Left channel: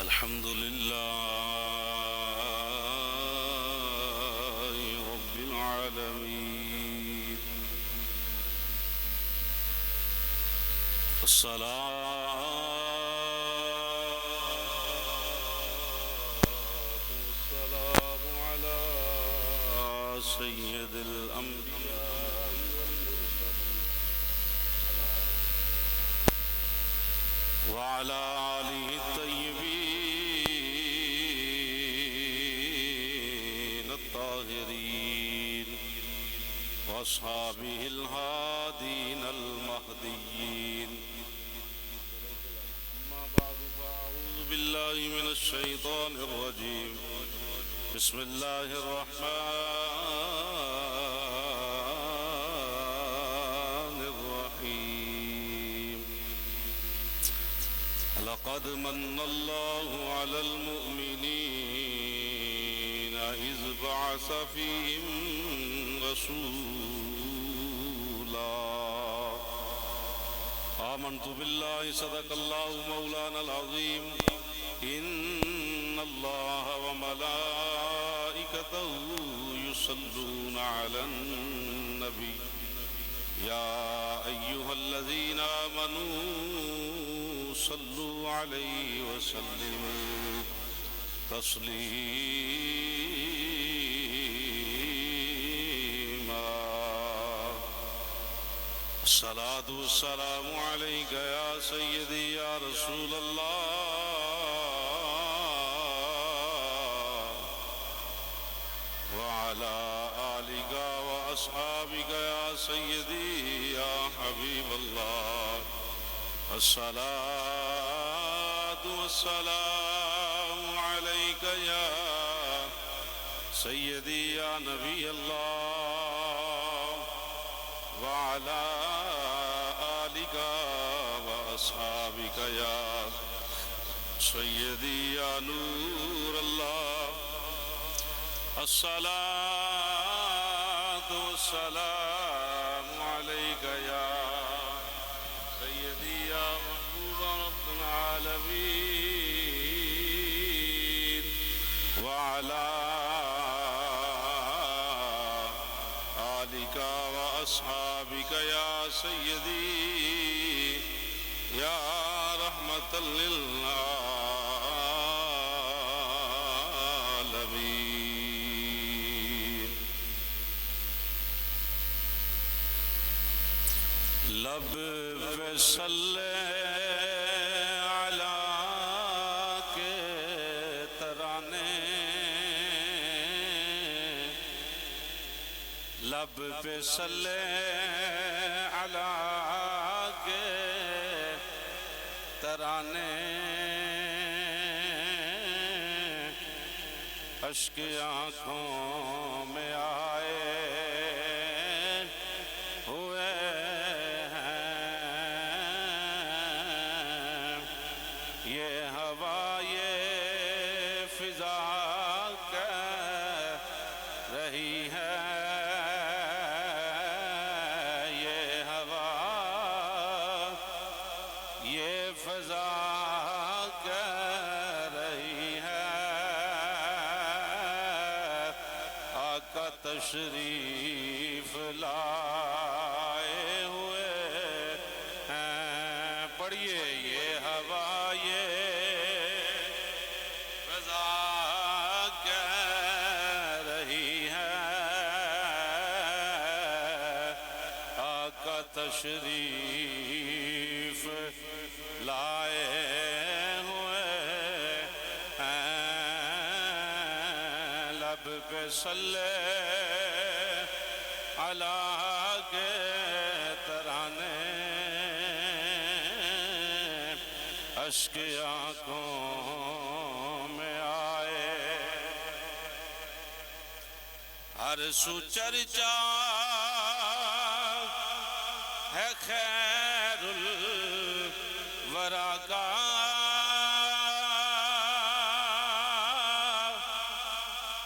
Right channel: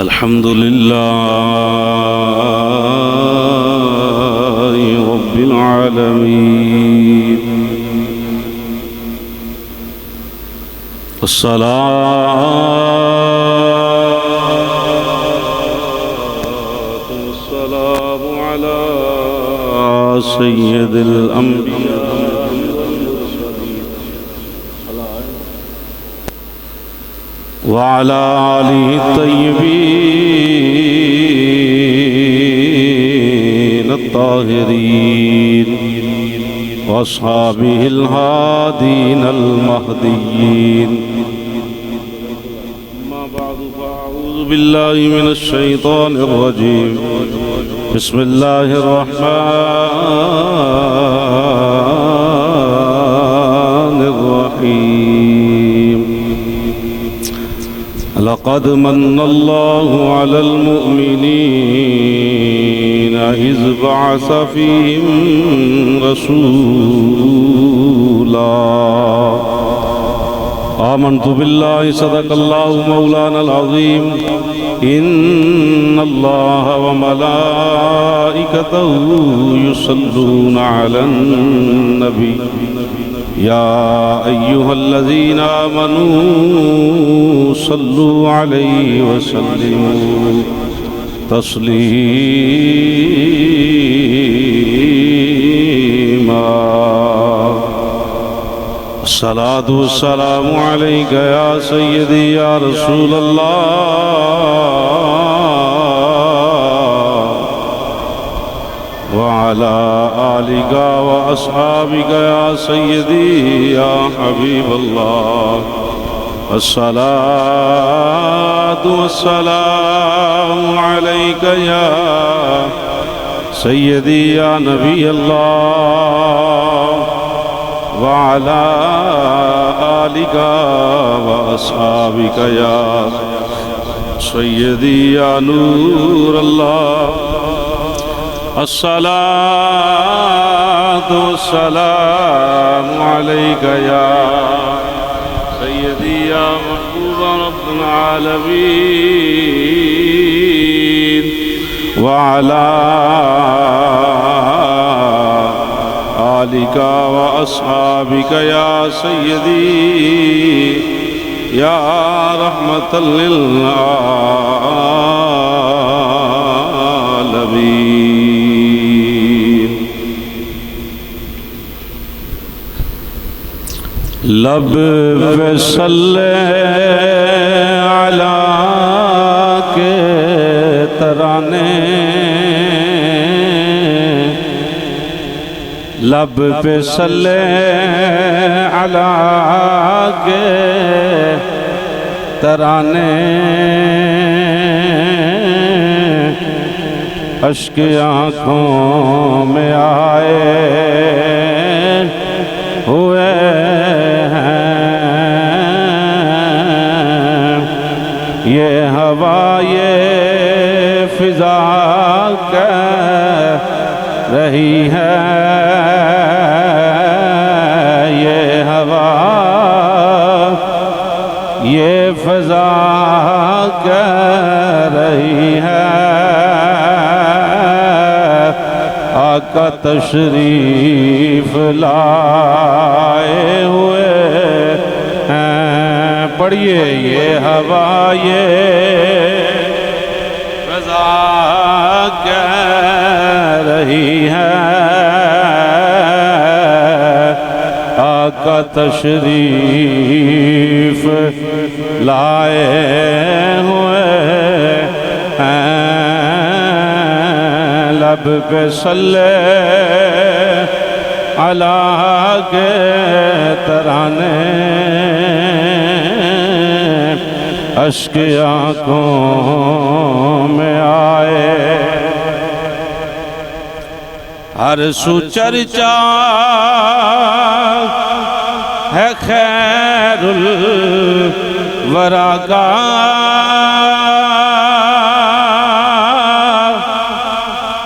الحمد لله رب العالمين والصلاة والسلام على سيد الأنبياء وعلى آله الطيبين الطاهرين وأصحابه الهادين المهديين. أما بعد فأعوذ بالله من الشيطان الرجيم. بسم الله الرحمن الرحيم. لقد من الله على المؤمنين إذ بعث فيهم رسولا. آمنت بالله صدق الله مولانا العظيم. إن الله وملائكته يصلون على النبي يا أيها الذين آمنوا صلوا عليه وسلموا تسليما. الصلاة والسلام عليك يا سيدي يا رسول الله وعلى آلك وأصحابك يا سيدي يا حبيب الله. الصلاة والسلام عليك يا سيدي يا نبي الله وعلى آلك وأصحابك يا سيدي يا نور الله. الصلاة والسلام عليك يا سيدي يا محبوب رب العالمين وعلى آلك وأصحابك يا سيدي يا رحمة للعالمين. لب پہ صلی علی کے ترانے، لب پہ صلی علی کے ترانے، اشک آنکھوں میں آئے ہوئے یہ ہوا یہ فضا کہہ رہی ہے، یہ ہوا یہ فضا کہہ رہی ہے، آقا تشریف لائے ہوئے ہیں. پڑھئے یہ ہوا یہ فضا کہہ رہی ہے، آقا تشریف لائے ہوئے ہیں. لب پہ صلی علی کے ترانے، اشک آنکھوں میں آئے، ہر سو چرچا ہے خیر الورا کا،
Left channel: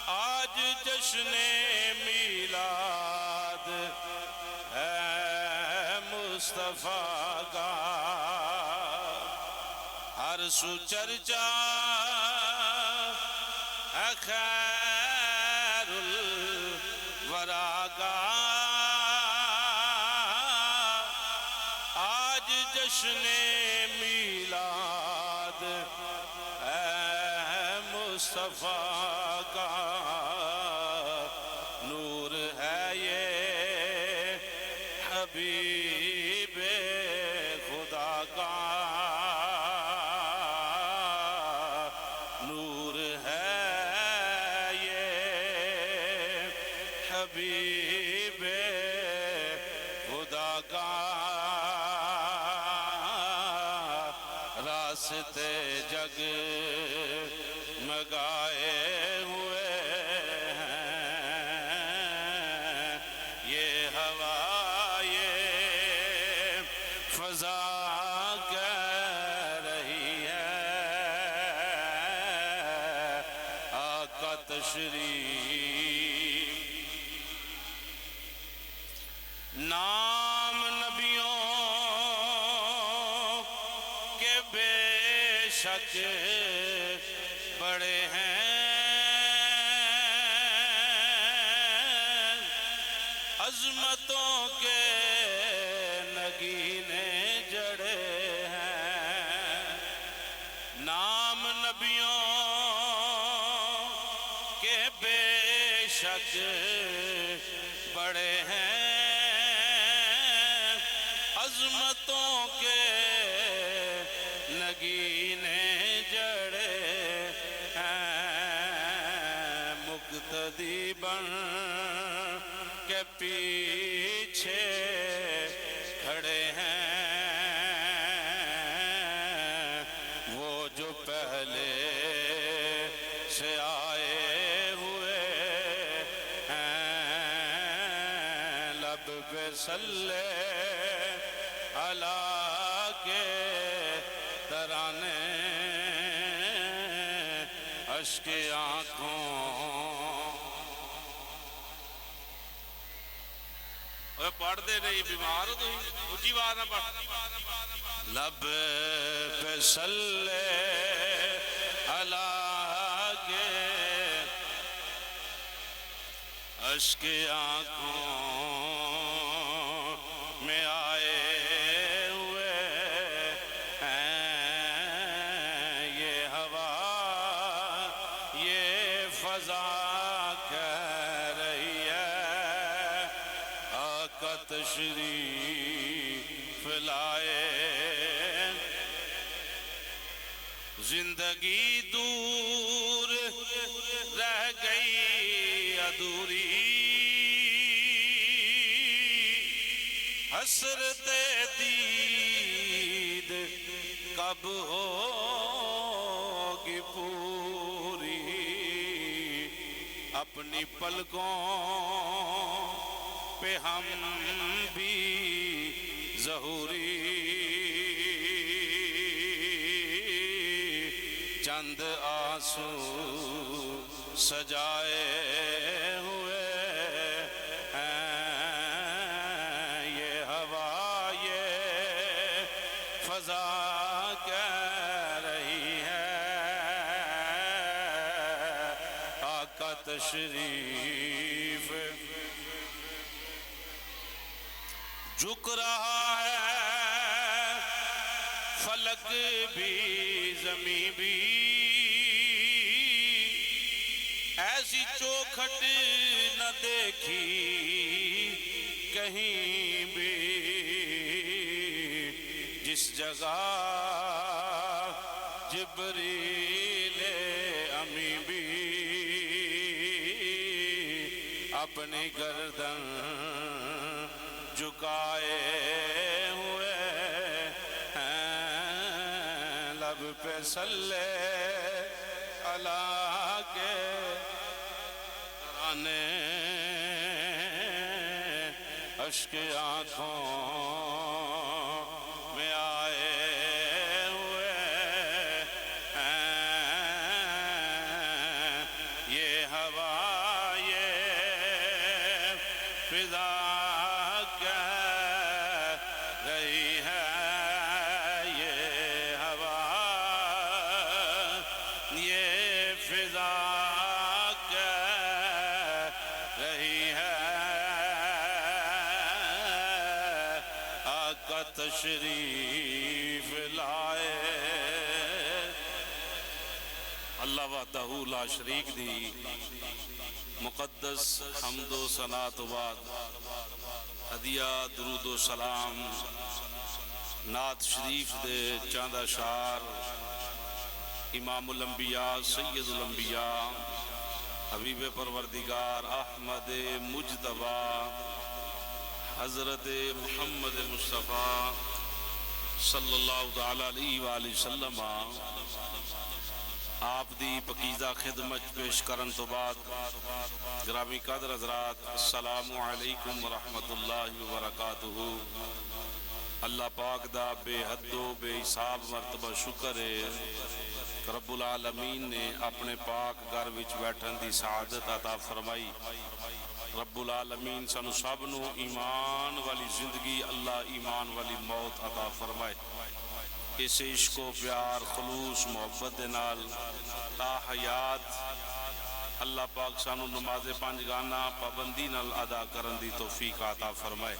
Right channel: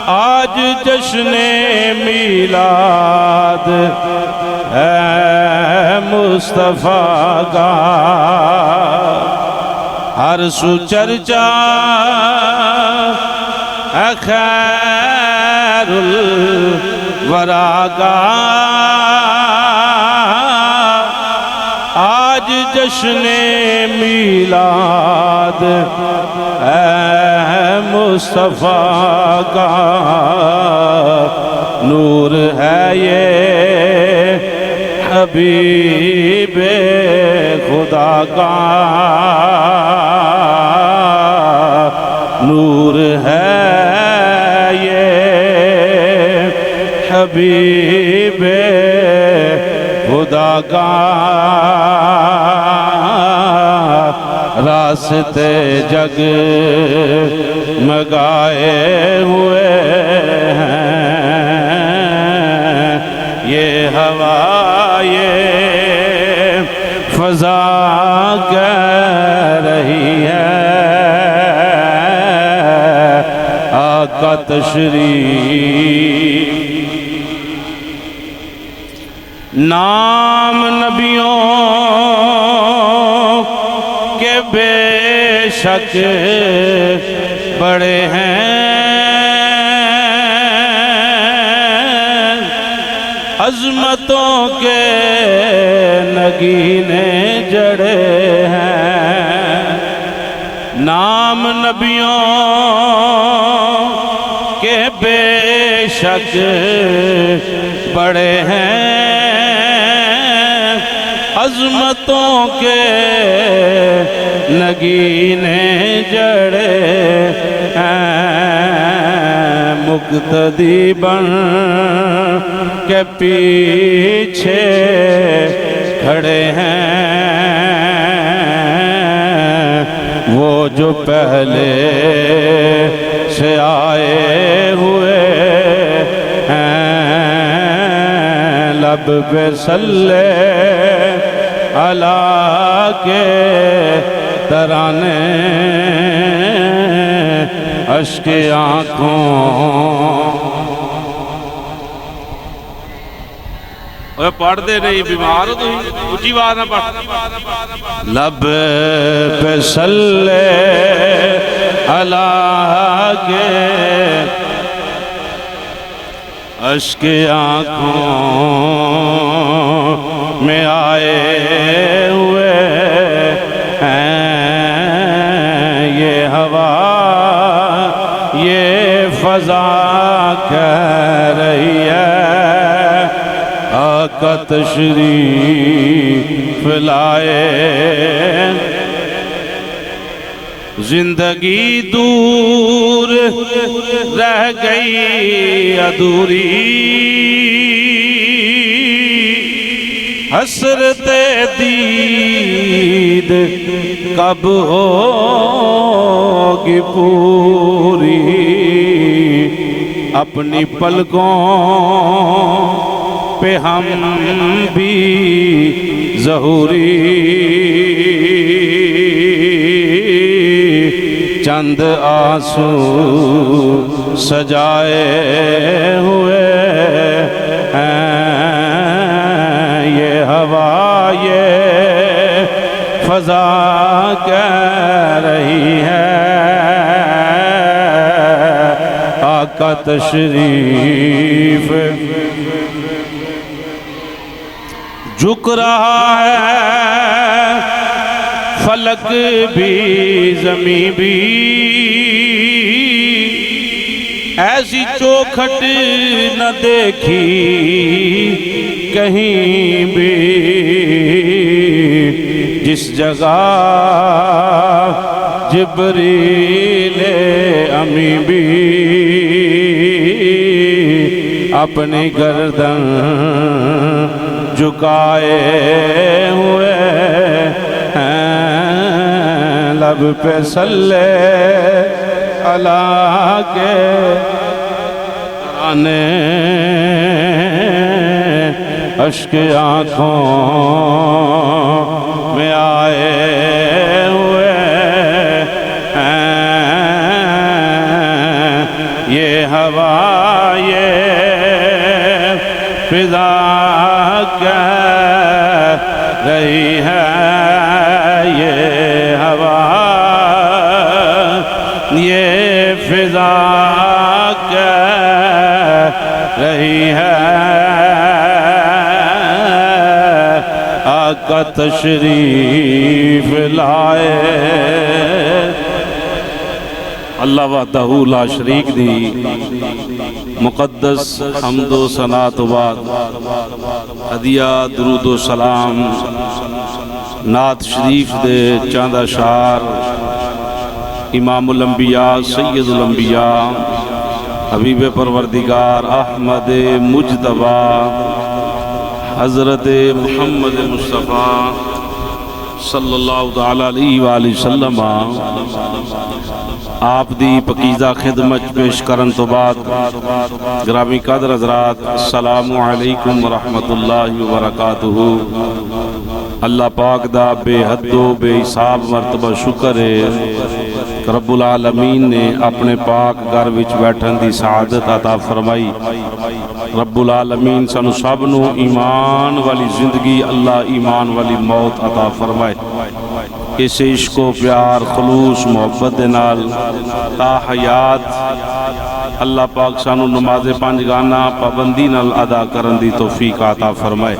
آج جشن میلاد ہے مصطفیٰ کا، ہر سو چرچا اے خیر الورا کا آج جشن میلاد اے مصطفیٰ کا نور ہے یہ حبیب خدا کا نور ہے یہ حبیب خدا کا راستے جگ مگائے ہوئے ہیں یہ ہوا یہ فضا کہہ رہی ہے آقا تشریف نام نبیوں کے بے شک بڑے ہیں عظمتوں کے نگینے جڑے ہیں نام نبیوں کے بے شک بڑے ہیں عظمتوں کے نگینے جڑے ہیں مقتدی بن کے پیچھے کھڑے ہیں وہ جو پہلے سے آئے ہوئے ہیں لب پہ صلی اللہ کے ترانے اشک آنکھوں پڑھ دے نہیں بیمار ہو تو اچھی بات نہ پڑھ لب پہ صلی اللہ کے اشک آنکھوں میں آئے ہوئے ہیں یہ ہوا یہ فضا کہہ رہی ہے آقا تشریف لائے زندگی دور رہ گئی ادھوری حسرت دید کب ہوگی پوری اپنی پلکوں پہ ہم بھی ظہوری چند آنسو سجائے ہوئے ہیں یہ ہوا یہ فضا کہہ رہی ہے آقا تشریف جھک رہا ہے فلک بھی زمین بھی ایسی چوکھٹ نہ دیکھی کہیں بھی جس جگہ جبریل امی بھی اپنی گردن جھکائے ہوئے ہیں لب پہ صلی اللہ کے ترانے اشک آنکھوں میں آئے ہوئے ہیں یہ ہوا یہ فضا کہہ رہی ہے یہ ہوا یہ فضا کہہ رہی ہے آقا تشریف لائے۔ اللہ وحدہ لا شریک دی مقدس حمد و ثنا تو بعد ہدیہ درود و سلام نعت شریف دے چاندہ شار امام الانبیاء سید الانبیاء حبیب پروردگار احمد مجتبی حضرت محمد مصطفیٰ صلی اللہ تعالی علیہ وآلہ وسلم آپ دی پکیزہ خدمت پیش کرن تو بعد گرامی قدر حضرات السلام علیکم ورحمت اللہ وبرکاتہ۔ اللہ پاک دا بے حد و بے حساب مرتبہ شکر ہے رب العالمین نے اپنے پاک گھر وچ بیٹھن دی سعادت عطا فرمائی۔ رب العالمین سانو سب نو ایمان والی زندگی اللہ ایمان والی موت عطا فرمائے۔ اس عشق و پیار خلوص محبت دے نال تا حیات اللہ پاک سانو نماز پنجگانہ پابندی نال ادا کرن دی توفیق عطا فرمائے۔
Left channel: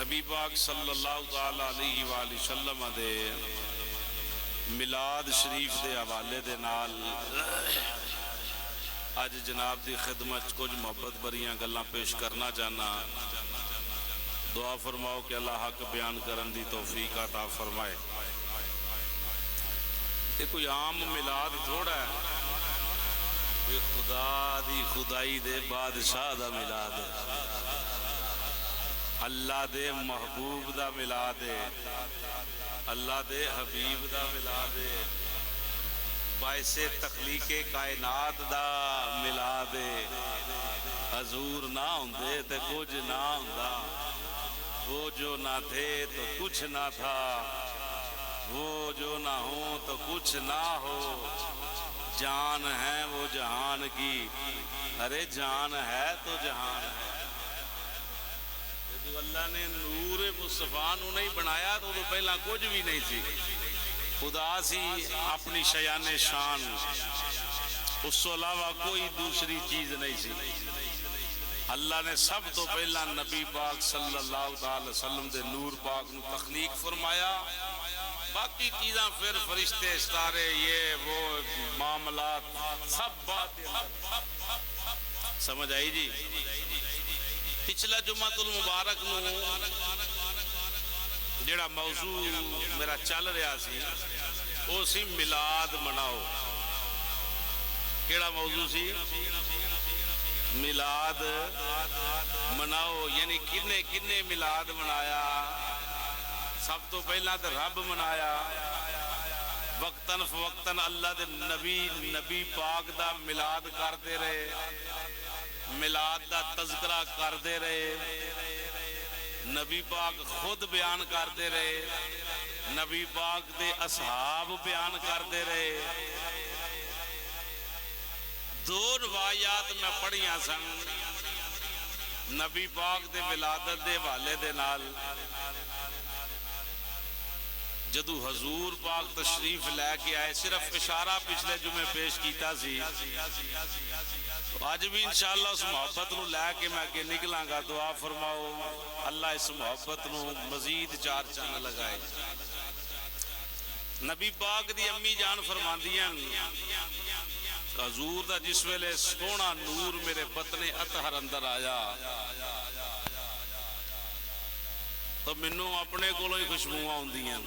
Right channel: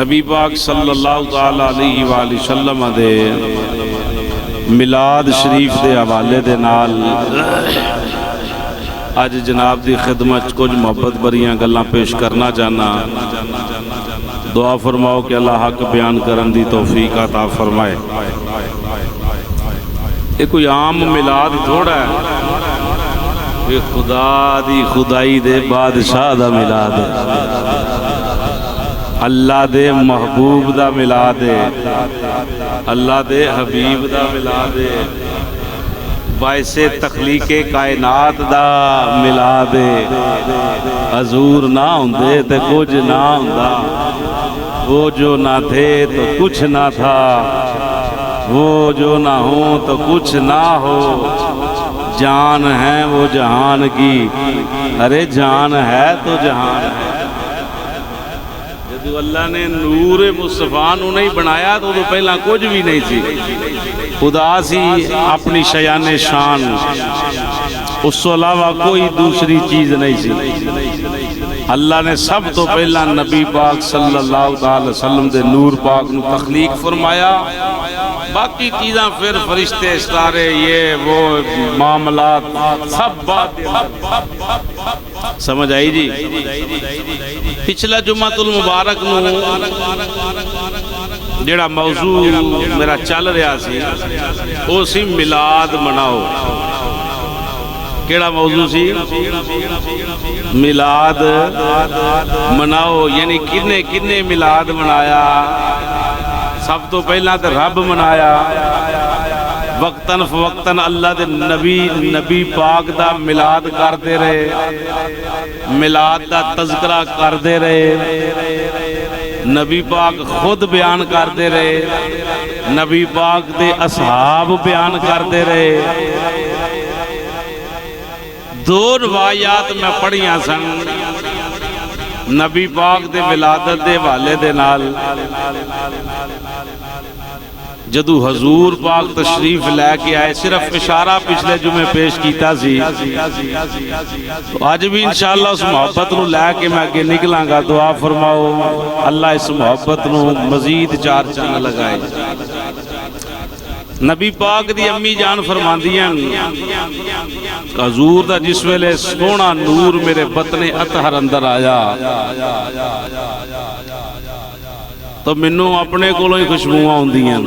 نبی پاک صلی اللہ تعالی علیہ وآلہ وسلم دے میلاد شریف دے حوالے دے نال آج جناب دی خدمت کچھ محبت بریاں گلاں پیش کرنا چاہنا۔ دعا فرماؤ کہ اللہ حق بیان کرن دی توفیق عطا فرمائے۔ یہ کوئی عام میلاد تھوڑا ہے، یہ خدا دی خدائی دے بادشاہ دا میلاد ہے، اللہ دے محبوب دا میلاد ہے، اللہ دے حبیب دا میلاد ہے، باعث تخلیق کائنات دا میلاد ہے۔ حضور نہ ہوندے تے کچھ نہ ہوندا، وہ جو نہ تھے تو کچھ نہ تھا، وہ جو نہ ہوں تو کچھ نہ ہو، جان ہے وہ جہان کی، ارے جان ہے تو جہان ہے۔ جدو اللہ نے نور مصطفیٰ نو نہیں بنایا تو پہلا کچھ بھی نہیں تھی، خدا سی اپنی شیان شان، اس کو علاوہ کوئی دوسری چیز نہیں تھی۔ اللہ نے سب تو پہلا نبی پاک صلی اللہ علیہ وسلم دے نور پاک نو تخلیق فرمایا، باقی چیزاں پھر فرشتے ستارے یہ وہ معاملات سب بات سمجھ آئی جی۔ پچھلا جمعہ المبارک نو جڑا موضوع میرا چل رہا سی وہ سی میلاد مناؤ۔ کیڑا موضوع سی؟ میلاد مناؤ، یعنی کنے کنے میلاد منایا؟ سب تو پہلا تے رب منایا، وقتاً فوقتاً اللہ دے نبی پاک دا میلاد کرتے رہے، میلاد دا تذکرہ کرتے رہے، نبی پاک خود بیان کرتے رہے، نبی پاک دے اصحاب بیان کرتے رہے۔ دو روایات میں پڑھیاں سن نبی پاک دے ولادت دے والے دے نال۔ جدو حضور پاک تشریف لے کے آئے، صرف اشارہ پچھلے جمعے پیش کیتا سی، تو آج بھی انشاءاللہ اس محبت نو لے کے میں آگے نکلاں گا۔ دعا فرماؤ اللہ اس محبت نو مزید چار چاند لگائے۔ نبی پاک دی امی جان فرماندیاں حضور دا جس ویلے سونا نور میرے بطن اطہر اندر آیا تو منوں اپنے کولوں ہی خوشبوواں ہوندیاں۔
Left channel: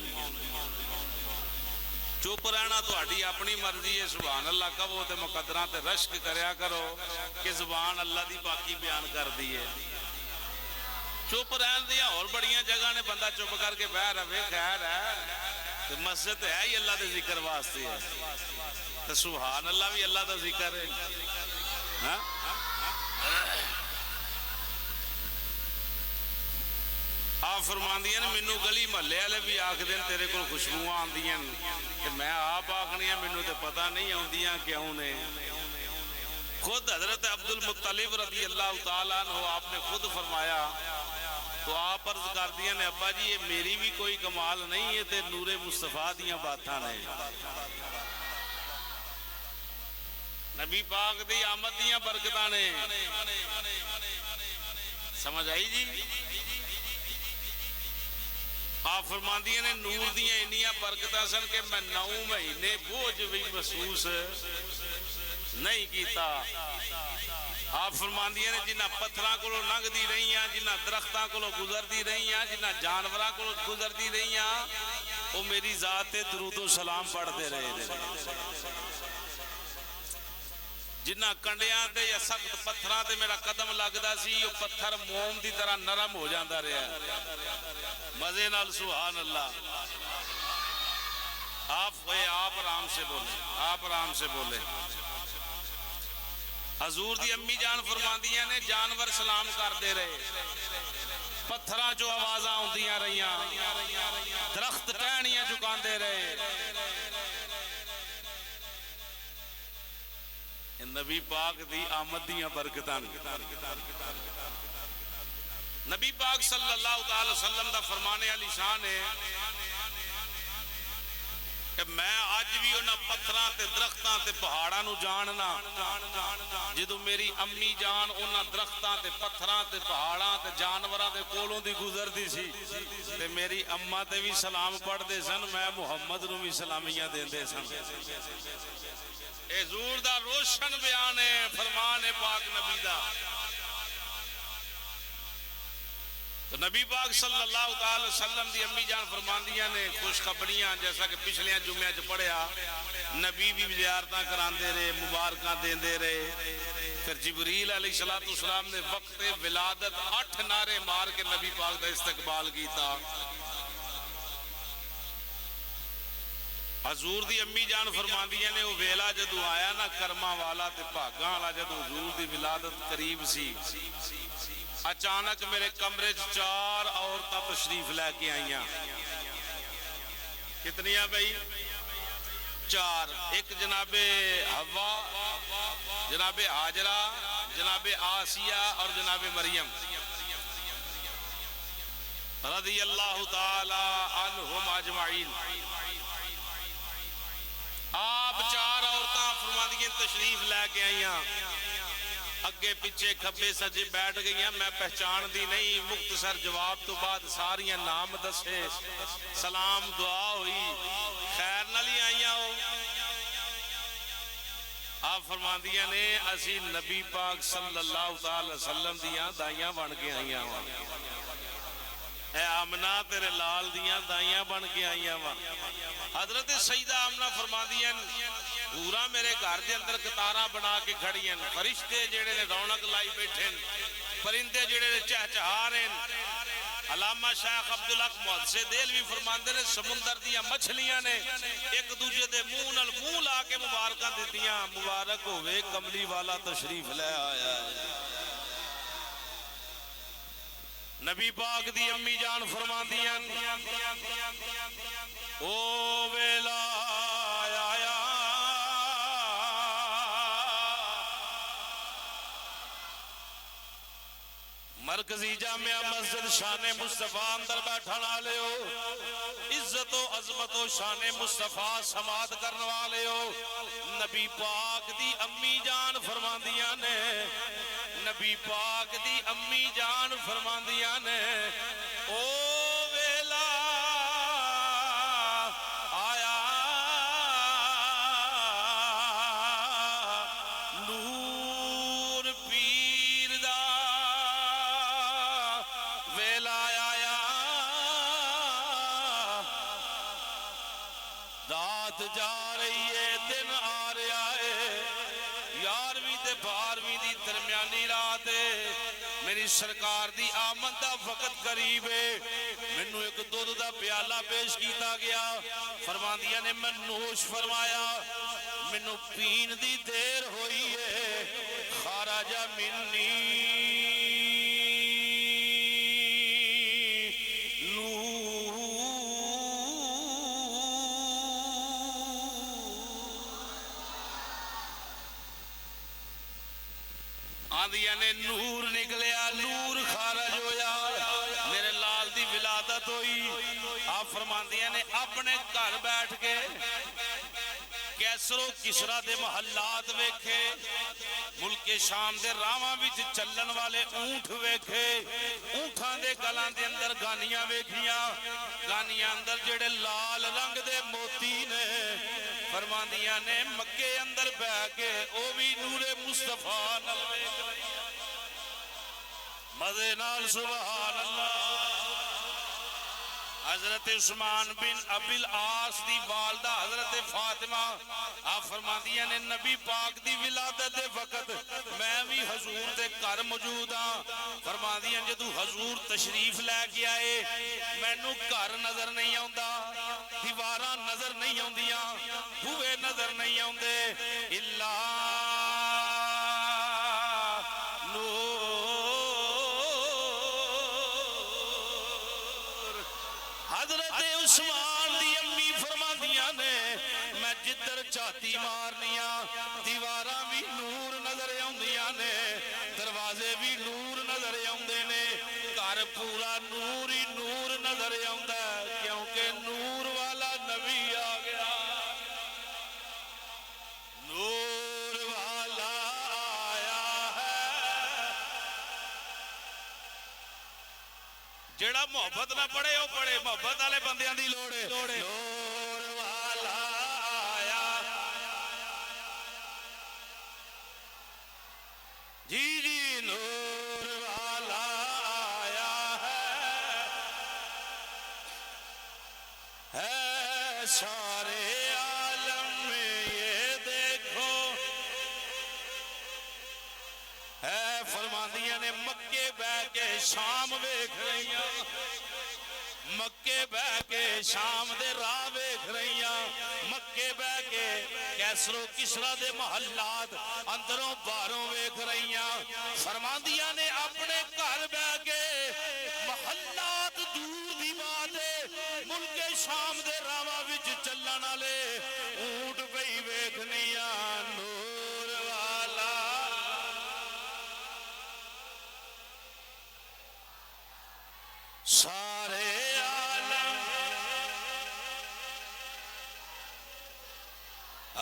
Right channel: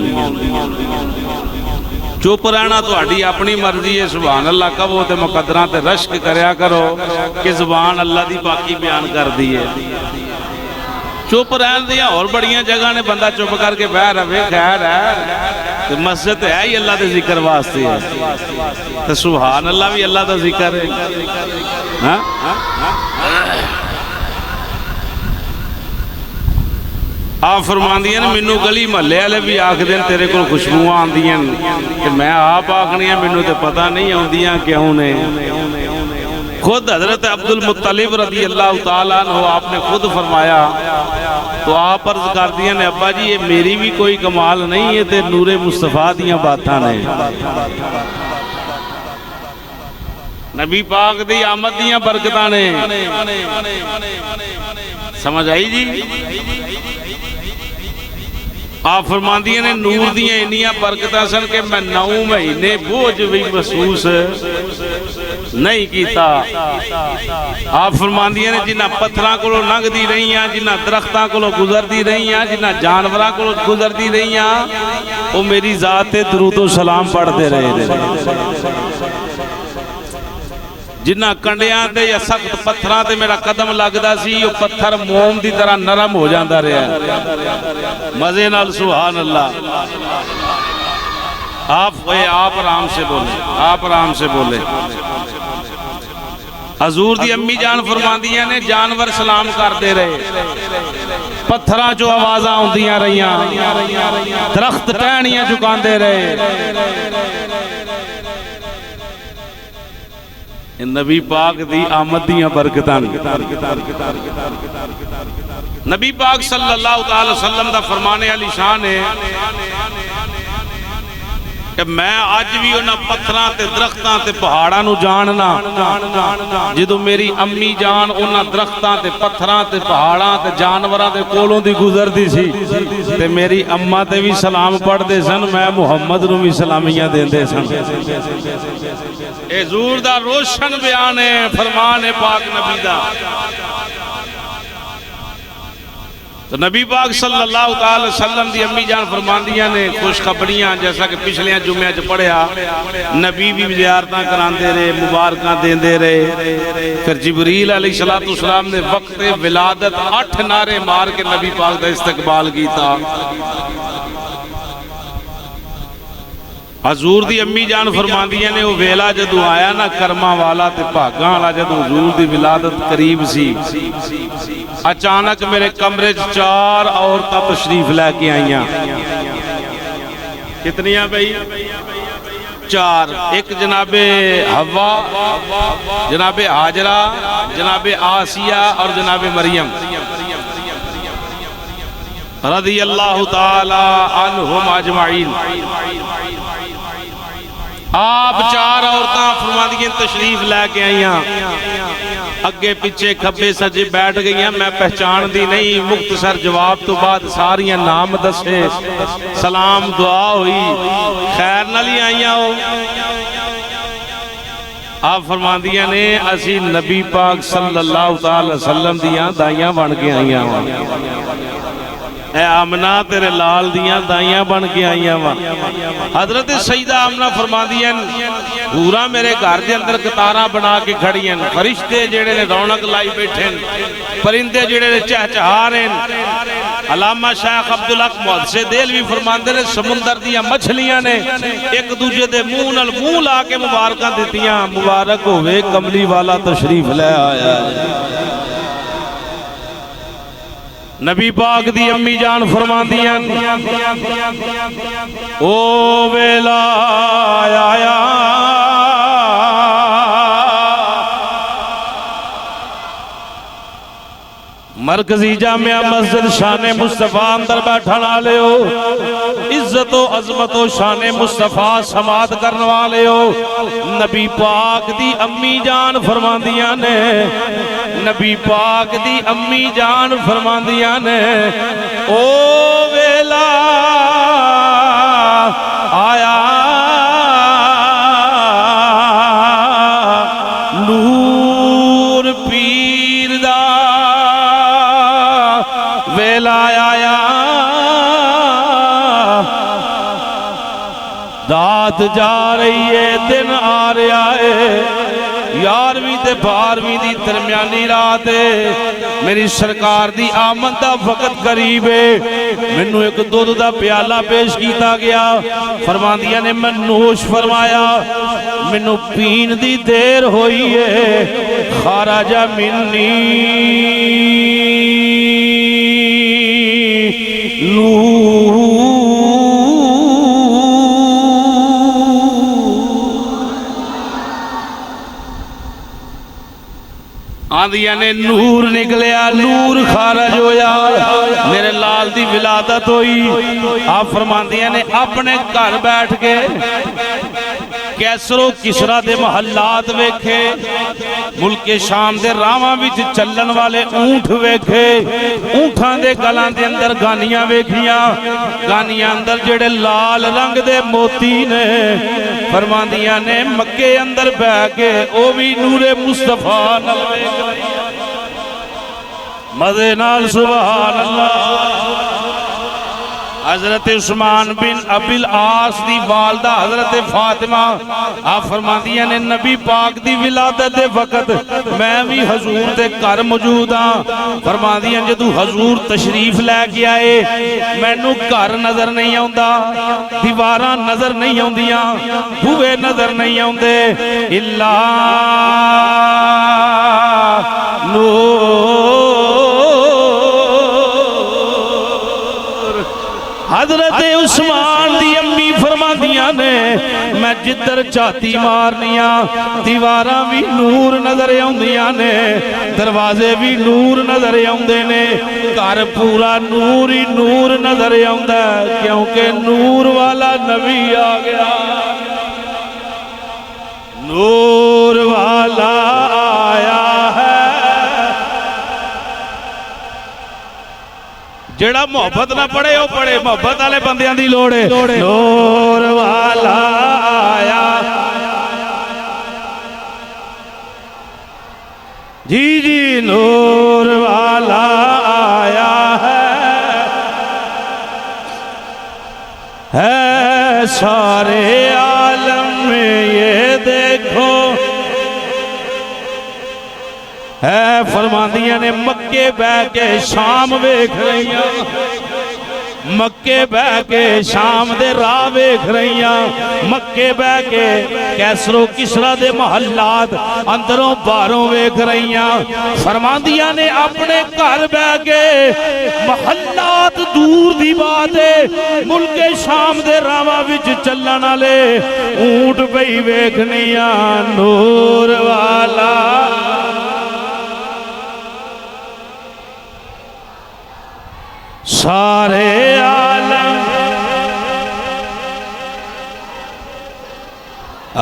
چپ رہنا تہاڈی اپنی مرضی ہے، سبحان اللہ کہو تے مقدراں تے رشک کریا کرو کہ زبان اللہ دی پاکی بیان کر دی ہے۔ چپ رہن دیا اور بڑیاں جگہ نے بندہ چپ کر کے بہ رہے، خیر ہے، مسجد ہے ہی اللہ دے ذکر واسطے ہے، تو سبحان اللہ بھی اللہ دا ذکر ہے۔ آپ فرماندیاں مینوں گلی محلے والے بھی آکھ دین تیرے کو خوشبوواں آندیاں کہ میں آپ آکھنیاں مینوں تے پتہ نہیں آندیاں کیوں نے۔ خود حضرت عبد المطلب رضی اللہ تعالیٰ عنہ آپ نے خود فرمایا تو آپ عرض کر دیا نے ابا جی یہ میری بھی کوئی کمال نہیں ہے تے نور مصطفیٰ دیاں باتاں نے نبی پاک دی آمد دیاں برکتاں نے سمجھ آئی جی آپ فرماندیاں نے نور دیاں انیاں برکتاں سن کہ میں 9 مہینے بوجھ بھی محسوس نہیں کیتا آپ فرماندیاں نے جنہ پتھراں کو لنگ دی رہی ہیں جنہ درختاں کو گزر دی رہی ہیں جنہ جانوراں کو گزر دی رہی ہیں وہ میری ذات درود و سلام پڑھتے رہے جنہ کنڈیاں تے یا سخت پتھراں تے میرا قدم لگدا سی وہ پتھر موم دی طرح نرم ہو جاندا رہا مزے نال سبحان اللہ آپ آرام سے بولے آپ آرام سے بولے حضور دی امی جان فرماندیاں نے جانور سلام کردے رہے پتھراں جو آوازاں ہوندیاں رہیاں درخت ٹہنیاں جھکاندے رہے نبی پاک دی آمد دیاں برکتاں نبی پاک صلی اللہ تعالی وسلم دا فرمانے علی شان ہے کہ میں آج بھی انہاں پتھراں تے درختاں تے پہاڑاں نو جاننا جدو میری امی جان انہاں درختاں تے پتھراں تے پہاڑاں تے جانوراں تے کولوں دی گزر دی سی تے میری اماں تے بھی سلام پڑھ دے سن میں محمد نو بھی سلامیاں دین دے سن اے حضور دا روشن بیان ہے فرمان ہے پاک نبی دا تو نبی پاک صلی اللہ علیہ وسلم دی امی جان فرماندیاں نے خوشخبریاں جیسا کہ پچھلیاں جمعہ چ پڑھیا نبی بھی زیارتاں کراندے رہے مبارکاں دیندے رہے پھر جبریل علیہ السلام نے وقت ولادت 8 نعرے مار کے نبی پاک دا استقبال کیتا حضور دی امی جان فرماندیاں نے وہ ویلا جدو آیا نا کرما والا تے بھاگاں والا جدو حضور دی ولادت قریب سی اچانک میرے کمرے 4 عورتاں تشریف لے کے آئیاں کتنیاں بھئی 4 ایک جناب حوا جناب حاجرہ جناب آسیہ اور جناب مریم رضی اللہ تعالی عنہم اجمعین آپ 4 عورتاں فرماندیاں تشریف لے کے آئیاں اگے پیچھے کھبے سجے بیٹھ گئیاں میں پہچان دی نہیں مختصر جواب تو بعد ساریاں نام دسے سلام دعا ہوئی خیر نالی آئیاں ہو آپ فرماندیاں نے اسی نبی پاک صلی اللہ علیہ وسلم دیاں دائیاں بن کے آئیاں ہوں اے آمنہ تیرے لال دیاں دائیاں بن کے آئیاں ہوں حضرت سیدہ آمنہ فرماندیاں پورا میرے گھر دے اندر قطاراں بنا کے کھڑیاں فرشتے جیڑے نے رونق لائی بیٹھیں پرندے جیڑے نے چہچہاریں علامہ شیخ عبدالحق محدث دہلوی فرماندے نے سمندر دیاں مچھلیاں نے ایک دوجہ دے منہ نال منہ لا کے مبارکاں دیتیاں مبارک ہوئے کملی والا تشریف لے آیا نبی پاک دی امی جان فرماندیاں او ویلا آیا مرکزی جامعہ مسجد شان مصطفیٰ اندر بیٹھن والے ہو عزت و عظمت و شان مصطفیٰ سماعت کرنے والے ہو نبی پاک دی امی جان فرماندیاں نے نبی پاک دی امی جان فرماندیاں نے او ویلا آیا نور پیر دا ویلا آیا دات جا رہی ہے دن آ رہا ہے 11ویں تے 12ویں دی درمیانی رات ہے میری سرکار دی آمد دا وقت قریب ہے منو ایک دودھ دا پیالہ پیش کیتا گیا فرماندیاں نے میں نوش فرمایا منو پین دی دیر ہوئی ہے خارج منی آندیاں نے نور نکلیا، نور خارج ہویا، میرے لال دی ولادت ہوئی۔ آپ فرماندیاں نے اپنے گھر بیٹھ کے کیسر و کسرا دے محلات ویکھے، ملک شام دے راواں وچ چلن والے اونٹ ویکھے، اونٹاں دے گلاں دے اندر گانیاں ویکھیاں، گانیاں اندر جڑے لال رنگ دے موتی نے۔ فرماندیاں نے مکے اندر بہ کے او بھی نور مصطفیٰ نال ویکھ رہی، مزے نال سبحان اللہ۔ حضرت عثمان بن ابی العاص دی والدہ حضرت فاطمہ، آپ فرماندیاں نے نبی پاک دی ولادت دے وقت میں بھی حضور دے گھر موجود ہاں۔ فرماندیاں جدو حضور تشریف لے کے آئے، مینوں گھر نظر نہیں آندا، دیواراں نظر نہیں آندیاں، بوئے نظر نہیں آندے، الا حضرت عثمان دی امی فرماندیاں نے میں جدر چاہتی مارنیاں، دیواراں بھی نور نظر آندیاں نے، دروازے بھی نور نظر آندے نے، گھر پورا نور ہی نور نظر آندا ہے، کیونکہ نور والا نبی آ گیا، نور والا آیا ہے۔ جڑا محبت نہ پڑھے وہ پڑھے، محبت والے بندیاں دی لوڑ ہے۔ نور والا آیا، جی جی نور والا آیا ہے سارے عالم میں یہ دیکھو ہے۔ فرماندیاں نے مکے بہ کے شام ویکھ رہیاں، مکے بہ کے شام دے راہ ویکھ رہیاں، مکے بہ کے کیسر و کسرا دے محلات اندروں باہروں ویکھ رہیاں۔ فرماندیاں نے اپنے گھر بہ کے محلات دور دی بات ہے، ملک شام دے راواں وچ چلن والے اونٹ پئی ویکھنیاں، نور والا سارے عالم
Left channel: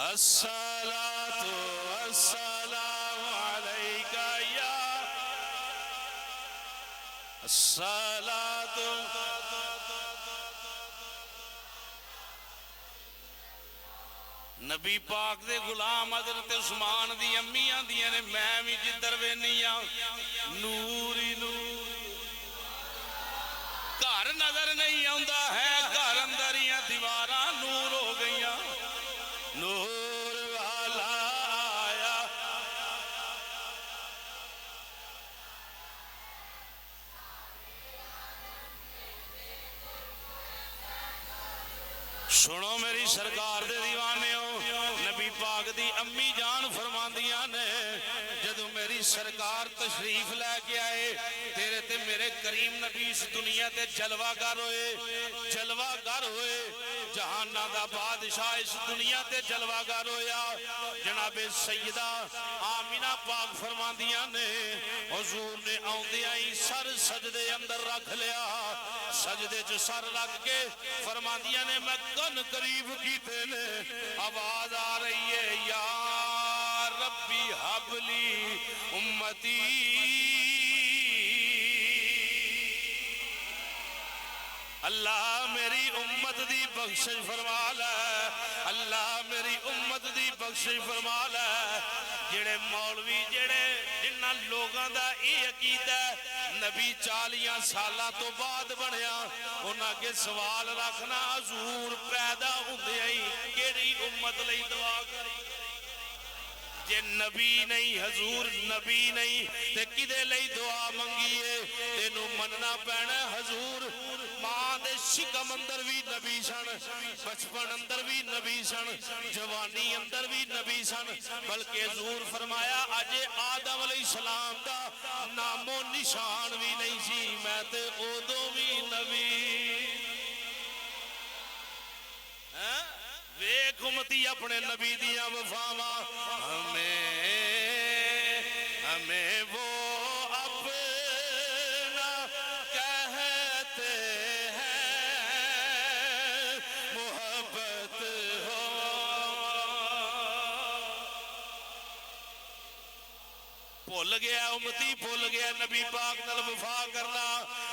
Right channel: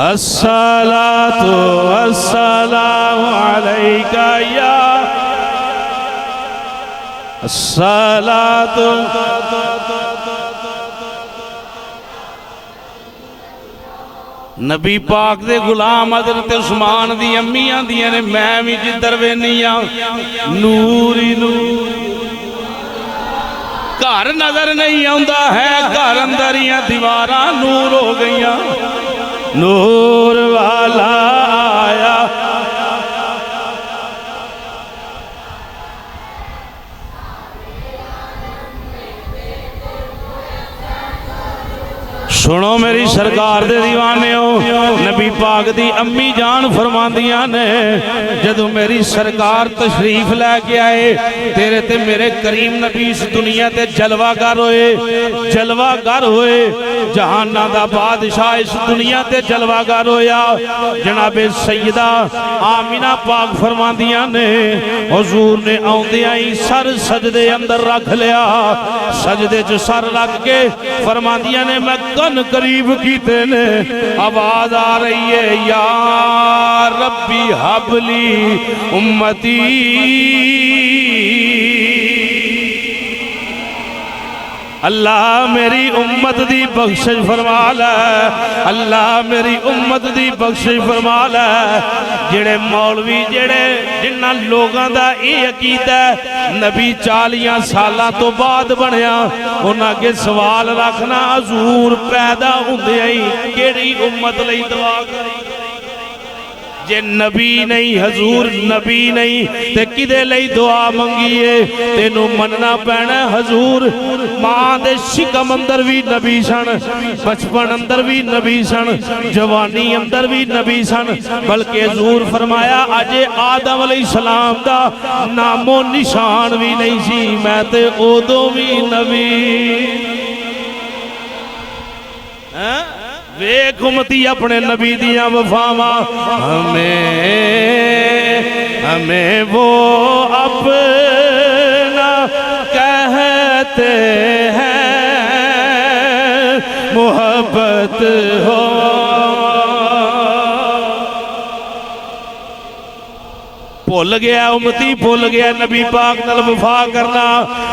الصلاة والسلام علیکہ یا الصلاة نبی پاک دے غلام حضرت عثمان دی امیاں دیاں نے میں بھی جدر وینیاں نوری نور گھر نظر نہیں آندا ہے، گھر اندریاں دیواراں نور ہو گئیاں، نور والا آیا۔ سنو میری سرکار دے دیوانے ہو، نبی پاک دی امی جان فرماندیاں نے جدو میری سرکار تشریف لے کے آئے، تیرے تے میرے کریم نبی اس دنیا تے جلوہ گر ہوئے، جلوہ گر ہوئے، جہانہ دا بادشاہ اس دنیا تے جلوہ گر ہویا۔ جناب سیدہ آمینہ پاک فرماندیاں نے حضور نے آندیاں ہی سر سجدے اندر رکھ لیا، سجدے جو سر رکھ کے فرماندیاں نے میں کن قریب کیتے نے، آواز آ رہی ہے یا ربی حبلی امتی، اللہ میری امت دی بخشش فرما لے، اللہ میری امت دی بخشش فرما لے۔ جڑے مولوی جڑے جنہ لوگاں دا اے عقیدہ نبی 40 سالاں تو بعد بنیا، انہاں کے سوال رکھنا حضور پیدا ہوندے ہی کیڑی امت لئی دعا کری؟ جے نبی نہیں حضور نبی نہیں تے کدے لئی دعا منگیے؟ تینوں مننا پینا حضور ماں دے شکم اندر بھی نبی سن، بچپن اندر بھی نبی سن، جوانی اندر بھی نبی سن، بلکہ حضور فرمایا اجے آدم علیہ السلام دا نام و نشان بھی نہیں سی، میں تے اودوں بھی نبی۔ ویکھ امتی اپنے نبی دیاں وفاواں، ہمیں ہمیں وہ اپنا کہتے ہیں محبت ہو بھول گیا امتی بھول گیا نبی پاک نال وفا کرنا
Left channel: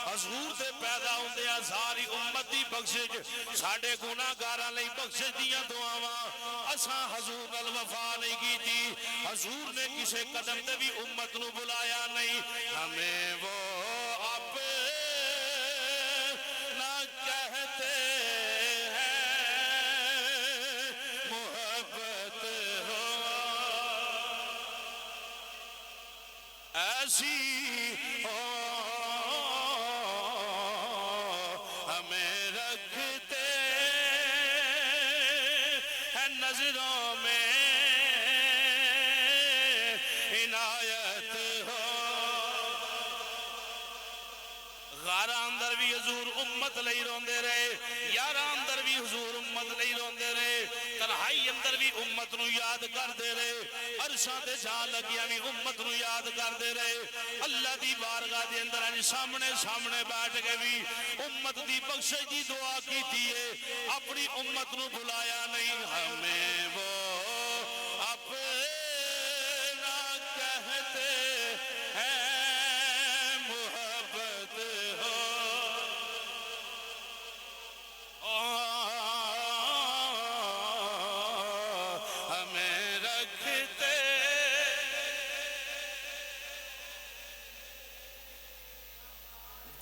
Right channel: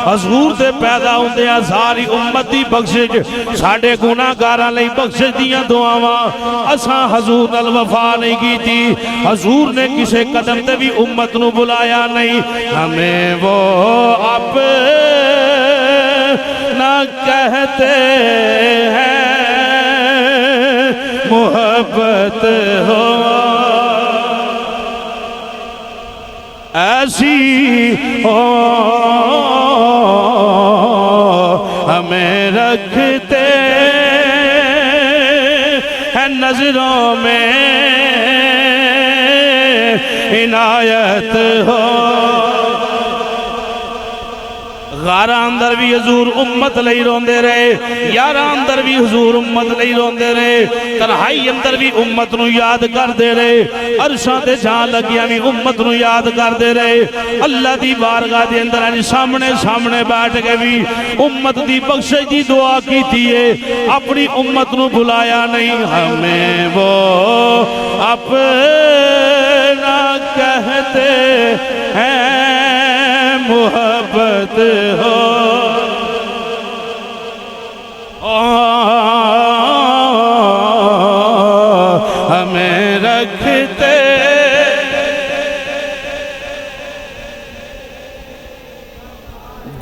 حضور تے پیدا ہوندے ہیں ساری امت دی بخشش ساڈے گناہگاراں لئی بخشش دیاں دعاواں اساں حضور نال وفا نہیں کیتی حضور نے کسے قدم تے بھی امت نو بلایا نہیں ہمیں وہ اپنا کہتے ہیں محبت ہو ایسی ہو ہمیں رکھتے ہیں نظروں میں عنایت ہو غارہ اندر بھی حضور امت لئی روندے رہے یارہ اندر بھی حضور امت لئی روندے رہے تنہائی اندر بھی امت نو یاد کر دے رہے عرشاں تے جان لگیا بھی امت نو یاد کر دے رہے اللہ دی بارگاہ دے اندر سامنے بیٹھ کے بھی امت دی بخشش دی دعا کی تھیے اپنی امت نو بلایا نہیں ہمیں وہ اپنا کہتے ہیں محبت ہو ہمیں رکھتے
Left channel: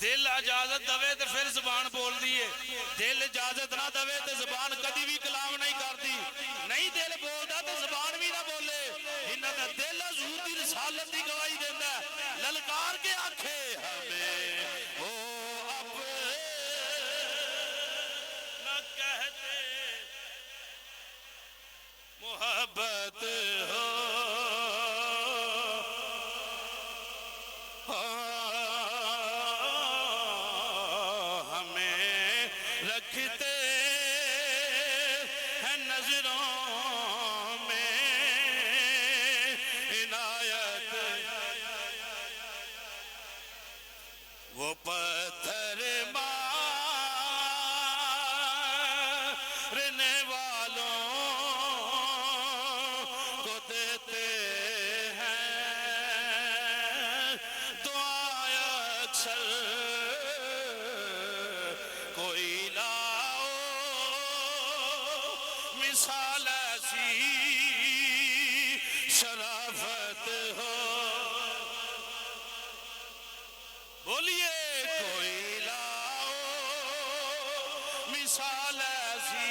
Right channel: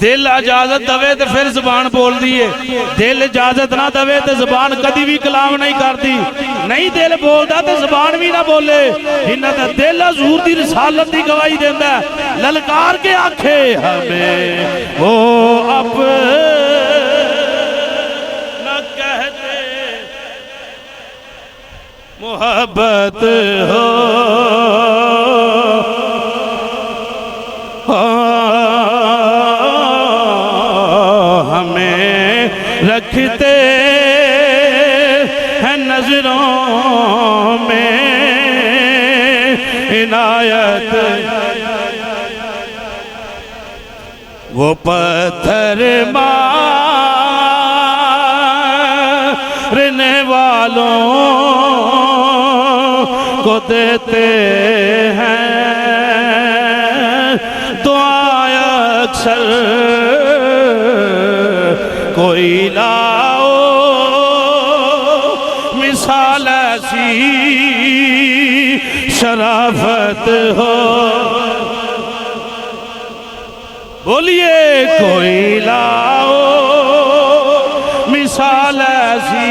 دل اجازت دوے تے پھر زبان بول دیئے دل اجازت نہ دوے تے زبان کدی بھی کلام نہیں کرتی نہیں دل بول دا تے زبان بھی نہ بولے جنہ تے دل حضور دی رسالت دی گواہی دیندہ ہے للکار کے آنکھے ہمیں وہ اپنا کہتے محبت ہو رکھتے ہیں نظروں میں عنایت وہ پتھر مارنے والوں کو دیتے ہیں دعائیں اکثر کوئی لاؤ مثال ایسی شرافت ہو بولیے کوئی لاؤ مثال ایسی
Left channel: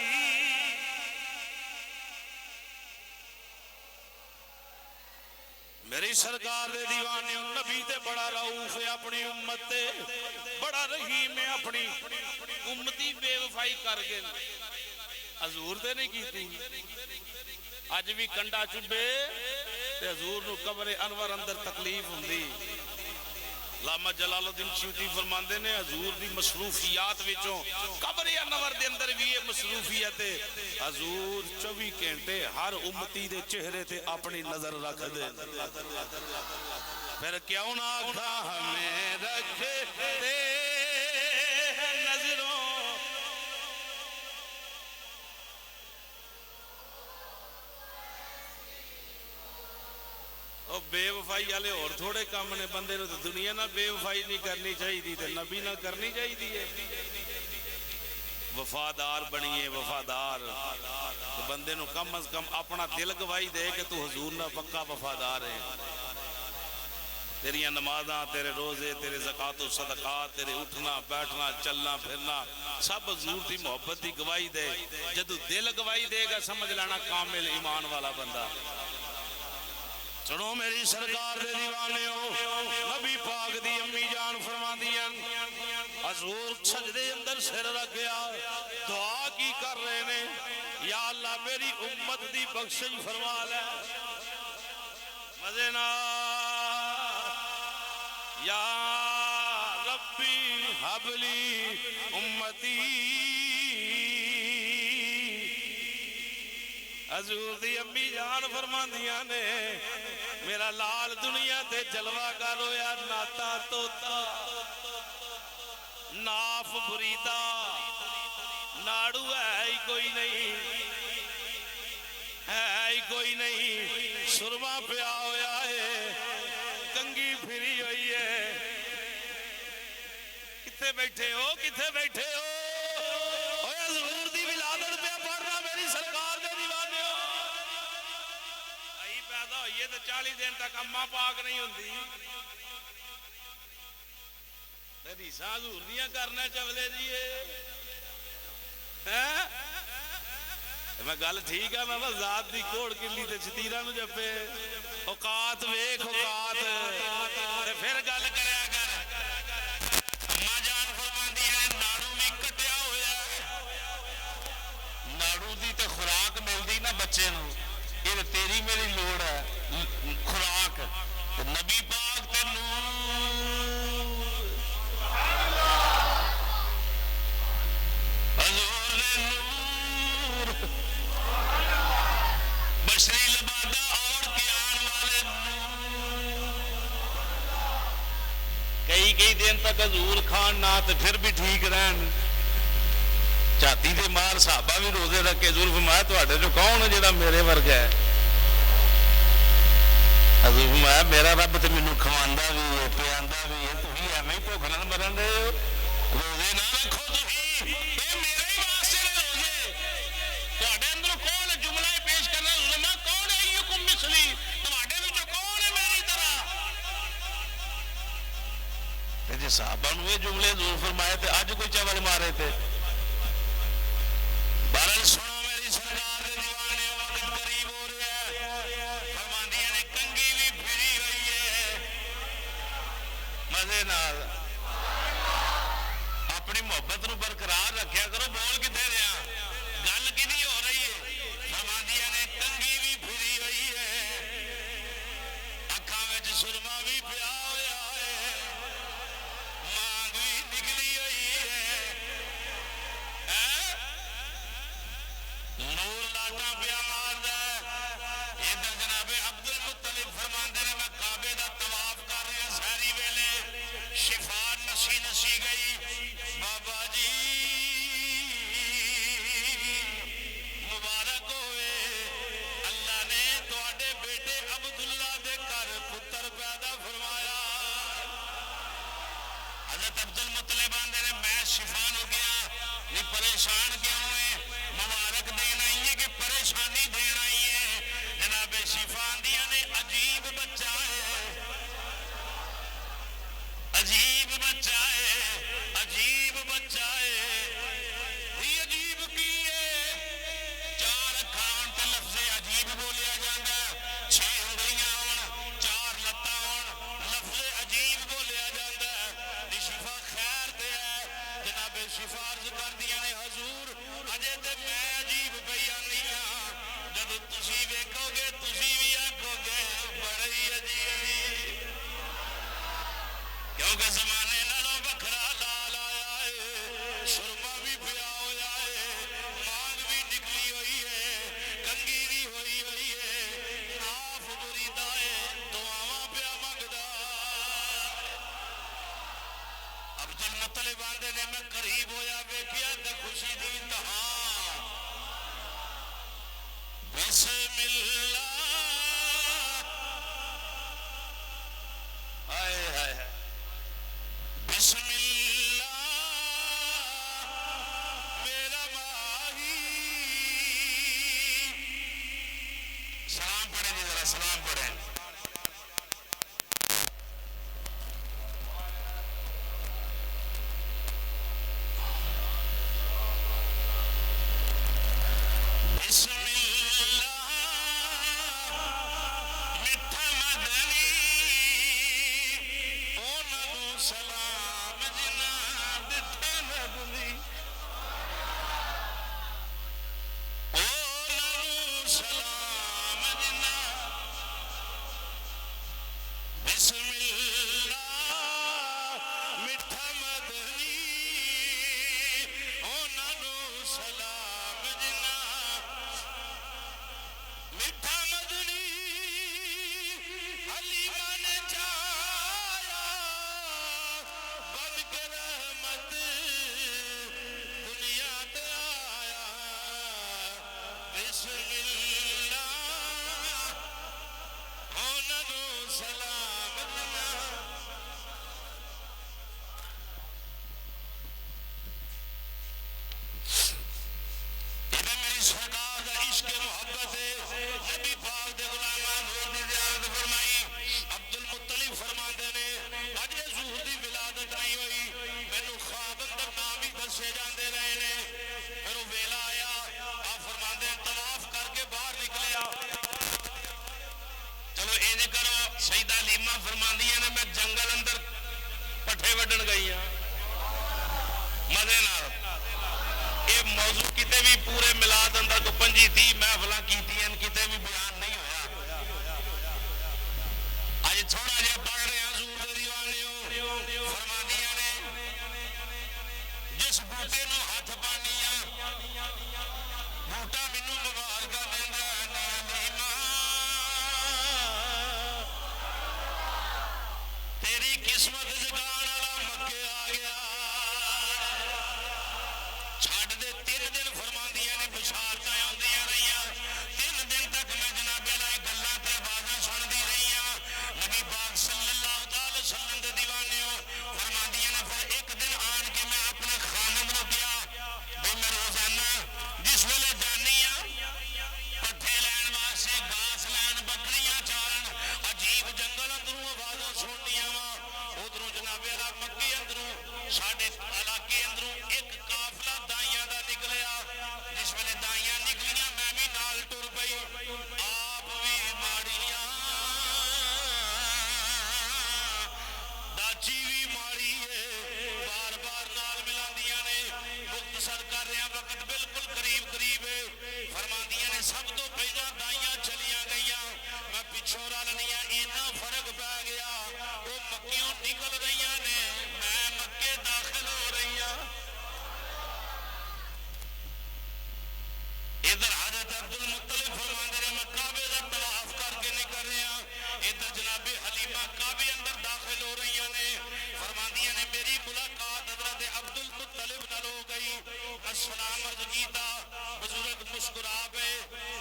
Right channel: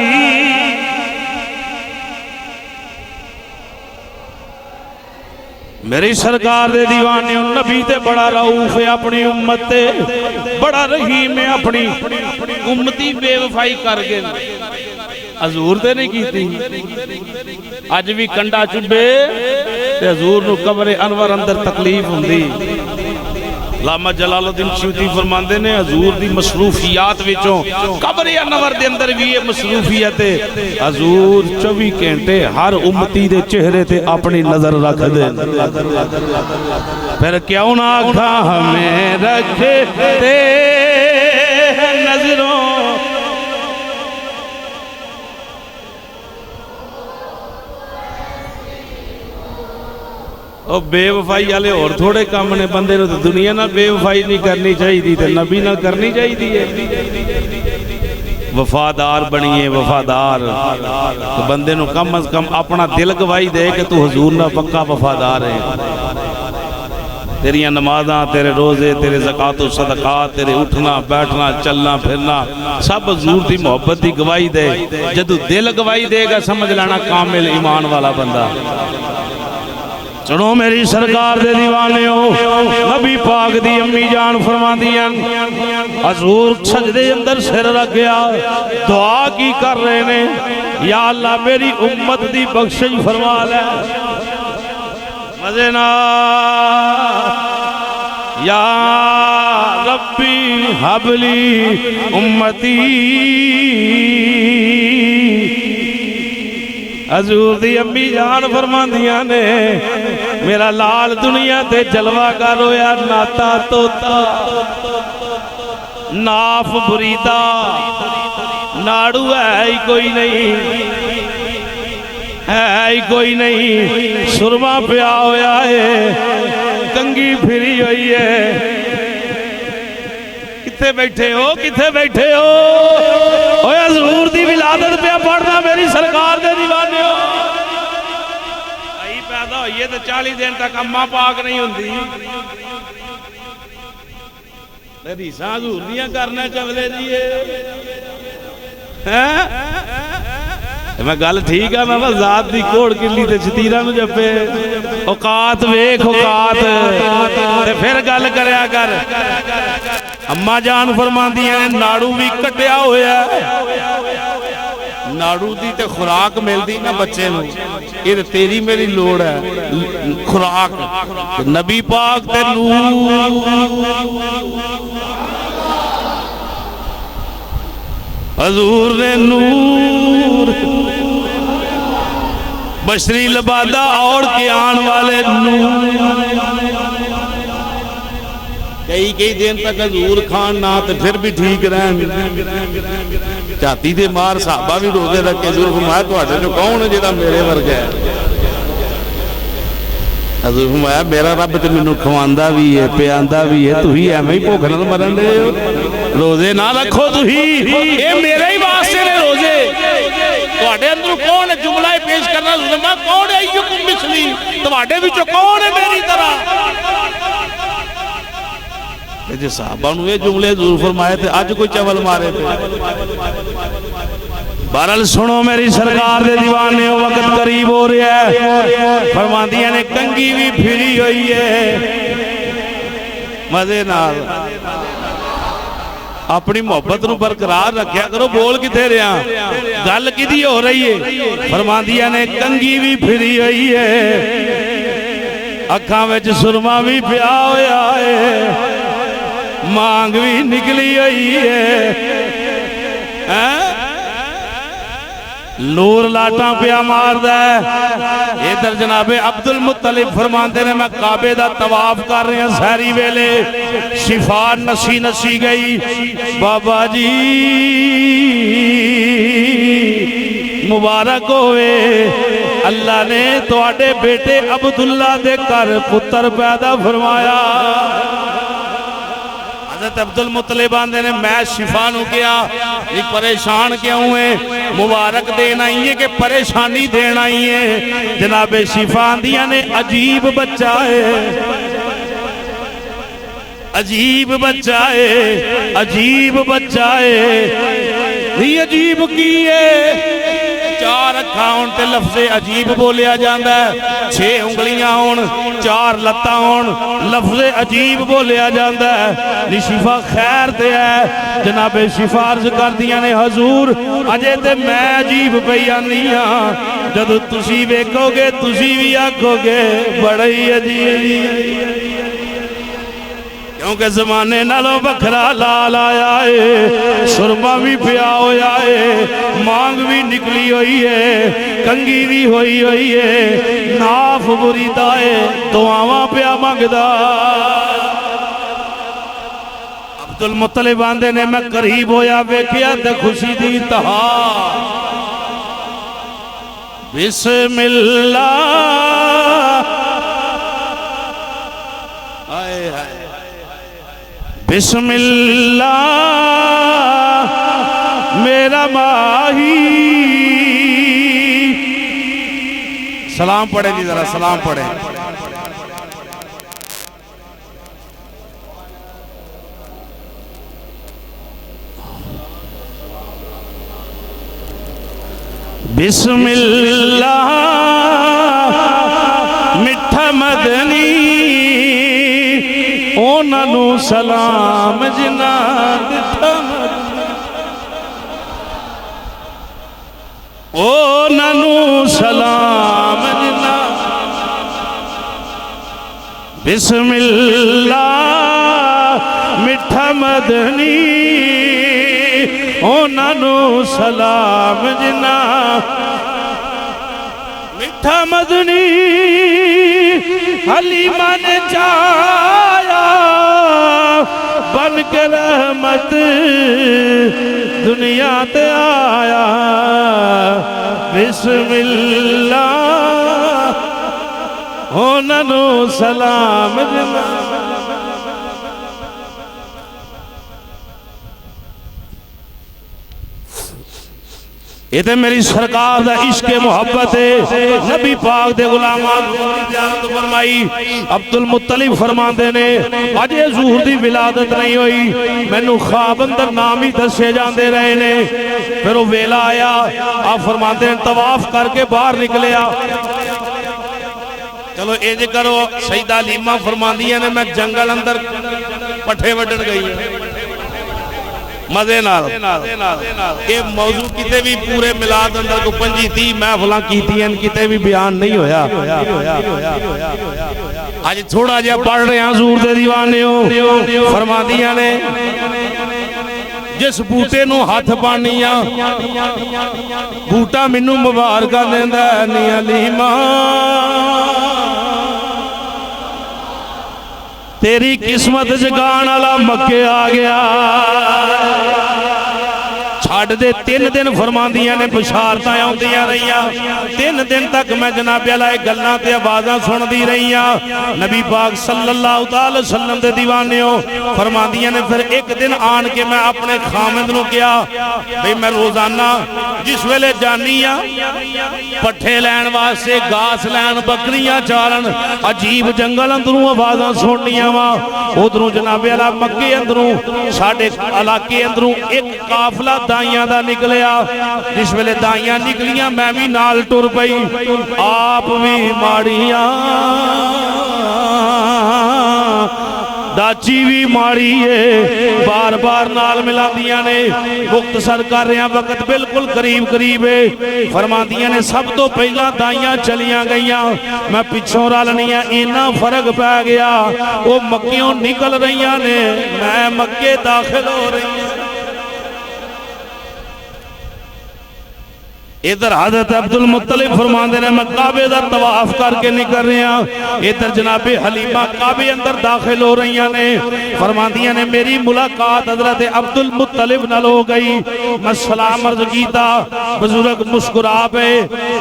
میری سرکار دے دیوانے نبی تے بڑا رعوف ہے اپنی امت تے بڑا رحیم ہے اپنی امتی بے وفائی کر گئے حضور تے نہیں کیتی آج بھی کنڈا چبے تے حضور نو قبر انور اندر تکلیف ہوندی علامہ جلال الدین سیوطی فرماندے نے حضور دی مصروفیات وچوں قبر انور دے اندر بھی یہ مصروفیت ہے حضور 24 گھنٹے ہر امتی دے چہرے تے اپنی نظر رکھ دے پھر کیوں نہ آکھا ہمیں رکھتے نظروں اور بے وفائی والے اور تھوڑے کام نے بندے نو دنیا نہ بے وفائی نہیں کرنی چاہیے تے نبی نہ کرنی چاہیے وفادار بنیے وفادار تو بندے نو کم از کم اپنا دل گواہی دے کہ تو حضور نہ پکا وفادار ہے تیریاں نمازاں تیرے روزے تیرے زکاة و صدقات تیرے اٹھنا بیٹھنا چلنا پھرنا سب حضور دی محبت دی گواہی دے جدو دل گواہی دے گا سمجھ لینا کامل ایمان والا بندہ چنو میری سرکار دے دیوانے ہو نبی پاک دی امی جان فرما دیا حضور سجدے اندر سر رکھ گیا دعا کی کر رہے نے یا اللہ میری امت دی بخشش فرما لے مزینا یا ربی حبلی امتی حضور دی امی جان فرما دیا نے میرا لال دنیا تے جلوہ کر ہویا ناتا توتا ناف بریدہ ناڑو ہے ہی کوئی نہیں ہے ہی کوئی نہیں سرما پیا ہویا ہے کنگھی پھری ہوئی ہے کتھے بیٹھے ہو کتھے بیٹھے ہو اوہ حضور دی ولادت پہ پڑھنا میری سرکار دے دیوانے ہو آئی پیدا ہوئی ہے تو 40 دن تک اممہ پاک نہیں ہوندی حدیثاں حضور دیاں کرنا چولے دیئے میں گل ٹھیک ہے میں ذات دی کوڑ کلی تے چھتیرہ نو جپے اوقات ویکھ اوقات تے پھر گل کریا کر اماں جان فرماندی ہیں ناڑو بھی کٹیا ہویا ہے ناڑو دی تے خوراک مل دی نا بچے نو یہ تیری میری لوڑ ہے خوراک نبی پاک تے نور حضور نے نور بشری لبادہ اور کے آن والے نور کئی دن تک حضور کھان نہ تو پھر بھی ٹھیک رہن چاہتی تھے مار صحابہ بھی روزے رکھے حضور فرمایا تو آتے جو کون ہے جیدہ میرے ورگ ہے حضور فرمایا میرا رب تو منو کھواندہ بھی ہے پیاندہ بھی ہے تو ہی ہے میں ہی پوکھنا تو مرن دے روزے نہ رکھو تو ہی اے میرے ہی واسطے نے روزے تو آٹے اندر کون ہے جملہ پیش کرنا فرمایا کون ہے ایوکم مثلی تو آٹے بھی جو کون ہے میری طرح جی صحابہ نے جملے حضور فرمائے تھے آج کوئی چول مارے تھے بہرحال سنو میری سرکار دے دیوانے وقت قریب ہو رہا ہے فرماندیاں نے کنگھی بھی پھری ہوئی ہے مزے نال اپنی محبت نو برقرار رکھیا کرو بول کتے رہا گل کدی ہو رہی ہے فرماندیاں نے کنگھی بھی پھری ہوئی ہے اکھاں وچ سرما بھی پیا ہویا ہے مانگ بھی نکلی ہوئی ہے نور لاٹاں پیا مار ہے ادھر جناب عبدالمطلب فرماندے نے میں کعبے دا طواف کر رہے ہیں سہری ویلے شفا نسی گئی بابا جی مبارک ہوئے اللہ نے تواڈے بیٹے عبداللہ دے کر پتر پیدا فرمایا حضرت عبدالمطلب آندے نے میں شفا نو کیا یہ پریشان کیوں ہے مبارک دینا ہی ہے کہ پریشانی دینا ہی ہے جناب شفا آندیاں نے عجیب بچہ ہے عجیب بچہ ہے عجیب بچہ ہے یہ عجیب کی ہے چار اکھاں ہون تے لفظ عجیب بولیا جاندہ ہے 6 انگلیاں ہون 4 لتاں ہون لفظ عجیب بولیا جاندہ ہے شفا خیر تے ہے جناب شفا عرض کر دیا نے حضور اجے تے میں عجیب بیانیاں جدو تسی ویکھو گے تسی بھی آکھو گے بڑی عجیب کیونکہ زمانے نالوں بکھرا لال آیا ہے سرما بھی پیا ہویا ہے مانگ بھی نکلی ہوئی ہے کنگھی بھی ہوئی ہے ناف بریدہ ہے دعاواں پیا مانگدا عبدالمطلب آندے نے میں قریب ہویا ویکھیا تے خوشی دی انتہا بسم اللہ بسم اللہ میرا ماہی سلام پڑھے جی ذرا سلام پڑھے بسم اللہ مٹھا مدنی نو سلام جناد او ننو سلام جناد بسم اللہ مٹھا مدنی او ننو سلام جناد مٹھا مدنی حلیمہ نے چاہیا بن کے رحمت دنیا تے آیا بسم اللہ ہوننو سلام یہ تے میری سرکار دا عشق محبت ہے نبی پاک دے غلامان فرمائی عبد المطلب فرمان دینے اجے ظہور دی ولادت نہیں ہوئی میں نو خواب اندر نام ہی دسے جاندے رہے نے پھر وہ ویلا آیا آپ فرمان دینے طواف کر کے باہر نکلیا چلو ایجے کرو سیدہ حلیمہ فرمان دیا نے میں جنگل اندر پٹھے وڈن گئی مزے نال کہ موضوع کتے بھی پورے ملاد اندر کو پنجی تھی محفلاں کی تھی ان کتے بھی بیان نہیں ہویا آج تھوڑا جا پڑھ رہے ہیں حضور دے دیوانے ہو فرما دیا نے جس بوٹے نو ہاتھ پانیا بوٹا منو مبارکہ دیندہ نی حلیمہ تیری قسمت جگان والا مکے آ گیا چھاڑ دے 3 دن فرماندیاں نے بشارتاں آندیاں رہیاں 3 دن تک میں جناب علیہ گلاں تے آوازاں سن دی رہیاں نبی پاک صلی اللہ علیہ وسلم دے دیوانیوں فرماندیاں نے پھر ایک دن آن کے میں اپنے خامد نو کیا بھئی میں روزانہ جس ویلے جانیاں پٹھے لین واسے گاس لین بکریاں چارن عجیب جنگل اندروں آوازاں سننیاں وہاں ادھروں جناب علیہ مکے اندروں ساڑھے علاقے اندروں ایک قافلہ دائیاں دا نکلیا جس ویلے دائیاں نکلیاں میں بھی نال ٹر پئی آپ بھی ماڑیاں داچی بھی ماڑی ہے بار بار نال ملا دیاں نے مختصر کر رہے ہیں وقت بالکل قریب ہے فرما دیاں نے سب تو پہلا دائیاں چلیاں گئیاں میں پچھوں رالنیاں اینا فرق پہ گیا وہ مکیوں نکل رہیاں نے میں مکے داخل ہو رہی ہیں ادھر حضرت عبد المطلب فرمان دینے میں کعبے دا طواف کر کے نکل رہے ہیں ادھر جناب حلیمہ کعبے اندر داخل ہو رہی ہیں فرمان دیا نے میری ملاقات حضرت عبد المطلب نہ ہو گئی میں سلام عرض کیتا بزرگ مسکرا پہ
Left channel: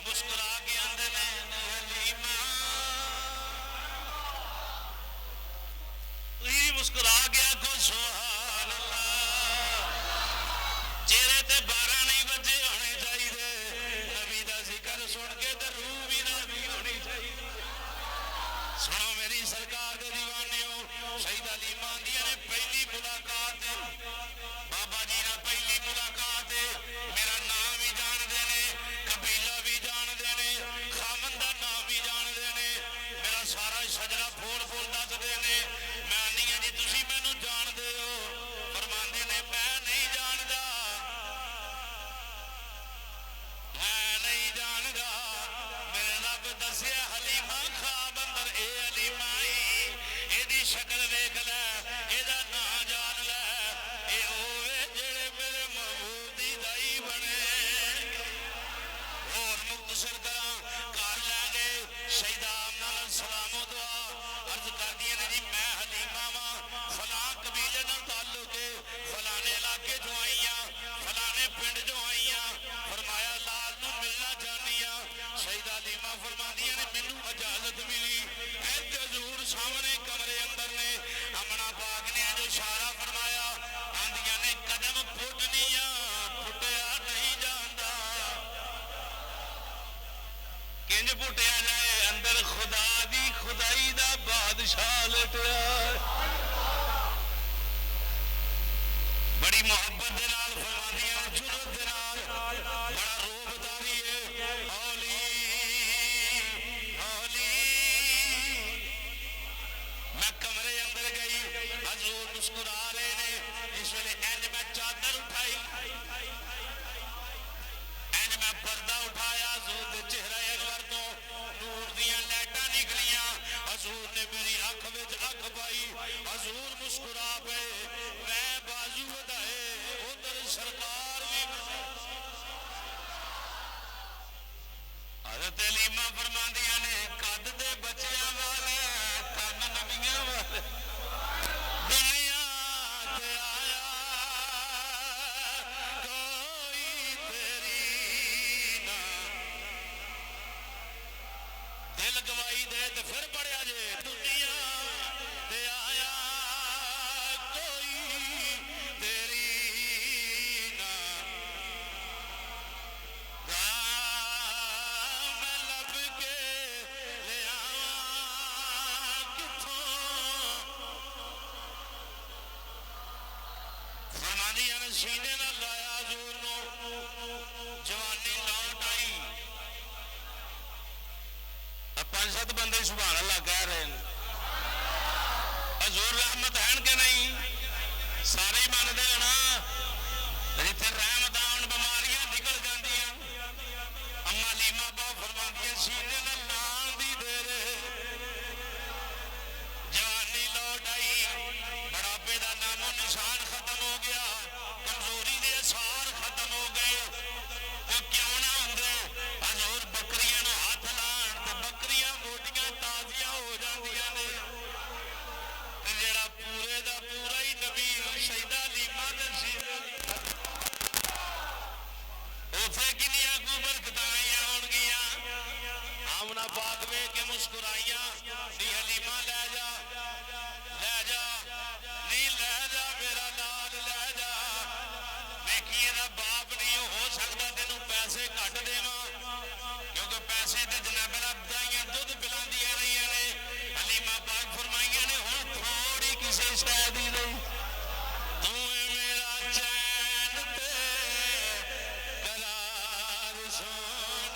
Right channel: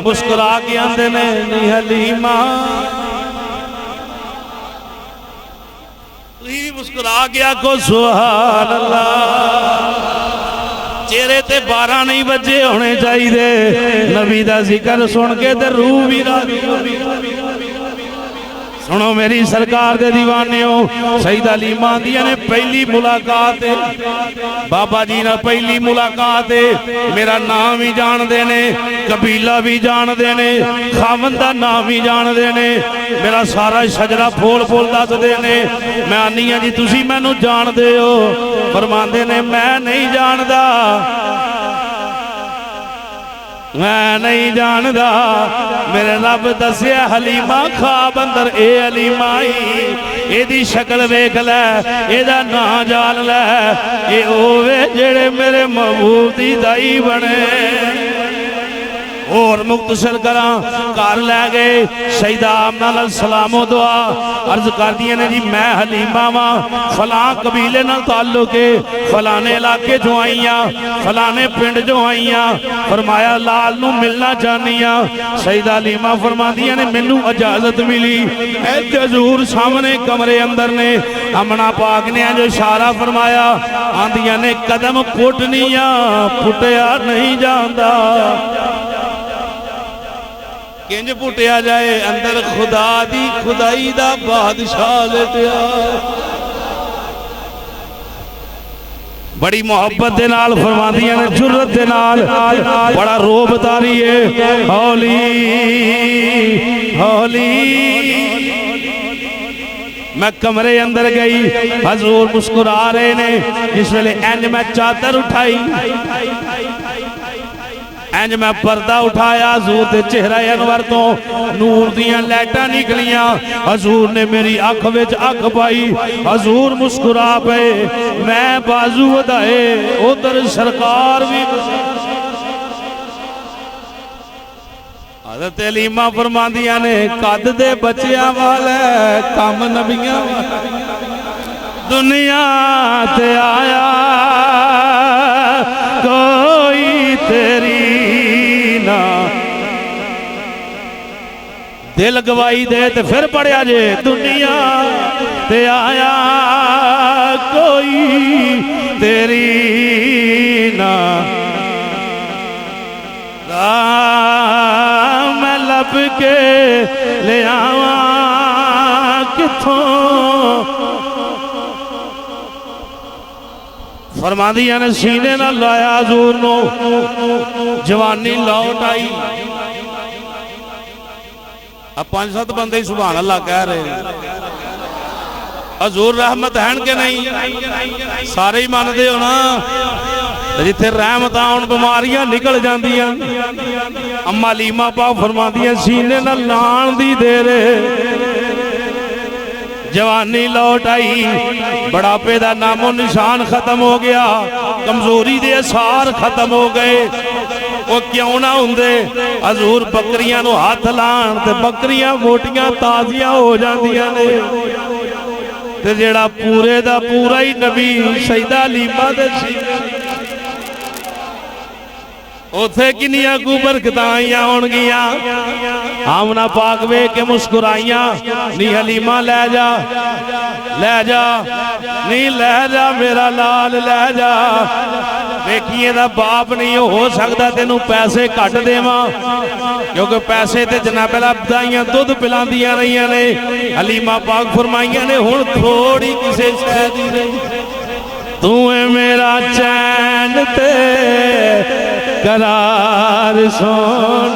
مسکرا کے اندے نے نی حلیمہ مسکرا گیا کو سبحان اللہ چہرے تے 12 نہیں بجے ہونے چاہیے دے نبی دا ذکر سن کے تے روح بھی راضی سنو میری سرکار دے دیوانیوں سیدہ حلیمہ دیا نے پہلی ملاقات بابا جی نے پہلی ملاقات میرا نام بھی جان دینے قبیلہ بھی جان دینے خاوندہ نام بھی جان دینے میرا سارا شجرہ پھول دات دینے میں آنی ہیں جی تسی میں نو جان دے ہو فرمان دینے میں نہیں جان دا میں نہیں جاندہ میرے رب دسیا حلیمہ خواب اندر اے حلیمہ اے دی شکل ویکھ لے اے دا نا جان لے اے اوے جڑے میرے محبوب دی دائی بنے اور مختصر کراں کار لے گئے سیدہ آمنہ علیہ السلام و دعا عرض کر دیا نے جی میں حلیمہ ماں فلاں قبیلے نہ تعلق ہے فلانے علاقے جو آئیاں فلانے پنڈ جو آئیاں فرمایا لال نو ملنا چاہنیاں سیدہ حلیمہ فرما دیا نے منو اجازت ملی اے حضور سامنے کمرے اندر نے امنہ پاک نے جو اشارہ فرمایا آندیاں نے قدم پھٹنیاں پھٹیا نہیں جاندہ کنج پھٹیا جائے اندر خدا دی خدائی دا بادشاہ لیٹیا بڑی محبت دے نال فرما دیا نے جرت دے نال بڑا روب تاری ہے ہولی ہولی میں کمرے اندر گئی حضور مسکرا رہے نے جس ویلے اینج میں چادر اٹھائی اینج میں پردہ اٹھایا حضور دے چہرہ انور تو نور دیاں لیٹا نکلیاں حضور نے میری آنکھ وچ آنکھ پائی حضور مسکرا پے میں بازو ودائے ادھر سرکار بھی حضرت علیمہ فرماندیاں نے قد دے بچیاں والے کام نبیاں دنیا تے آیا کوئی تیری نہ دل گواہی دے تے پھر پڑھیا جے دنیا تے آیا کوئی تیری نہ میں لب کے لے آواں کتھوں فرماندیاں نے سینے نہ لایا حضور نو جوانی لوٹ آئی اب 5-7 بندے ہی سبحان اللہ کہہ رہے ہیں حضور رحمت ہیں کہ نہیں سارے ہی ماندے ہو نا جتھے رحمت آن بیماریاں نکل جاندیاں اما علیمہ پاک فرماندیاں سینے نہ لان دی دے رہے جوانی لوٹ آئی بڑھاپے دا نام و نشان ختم ہو گیا کمزوری دے اثار ختم ہو گئے وہ کیوں نہ ہوندے حضور بکریاں نو ہاتھ لان تے بکریاں موٹیاں تازیاں ہو جاندیاں نے تے جیڑا پورے دا پورا ہی نبی سیدہ علیمہ دے سی اوتھے کنیاں کو برکتائیاں ہون گیاں آمنہ پاک وے کے مسکرائیاں نی حلیمہ لے جا نی لے جا میرا لال لے جا دیکھئے دا باپ نہیں ہو سکتا تینوں پیسے کٹ دے ماں کیونکہ پیسے تے جناب بدائیاں دودھ پلان دیا رہیاں نے حلیمہ پاک فرمائیاں نے ہون تھوڑی کسے شہدی نہیں تو اے میرا چین تے قرار سون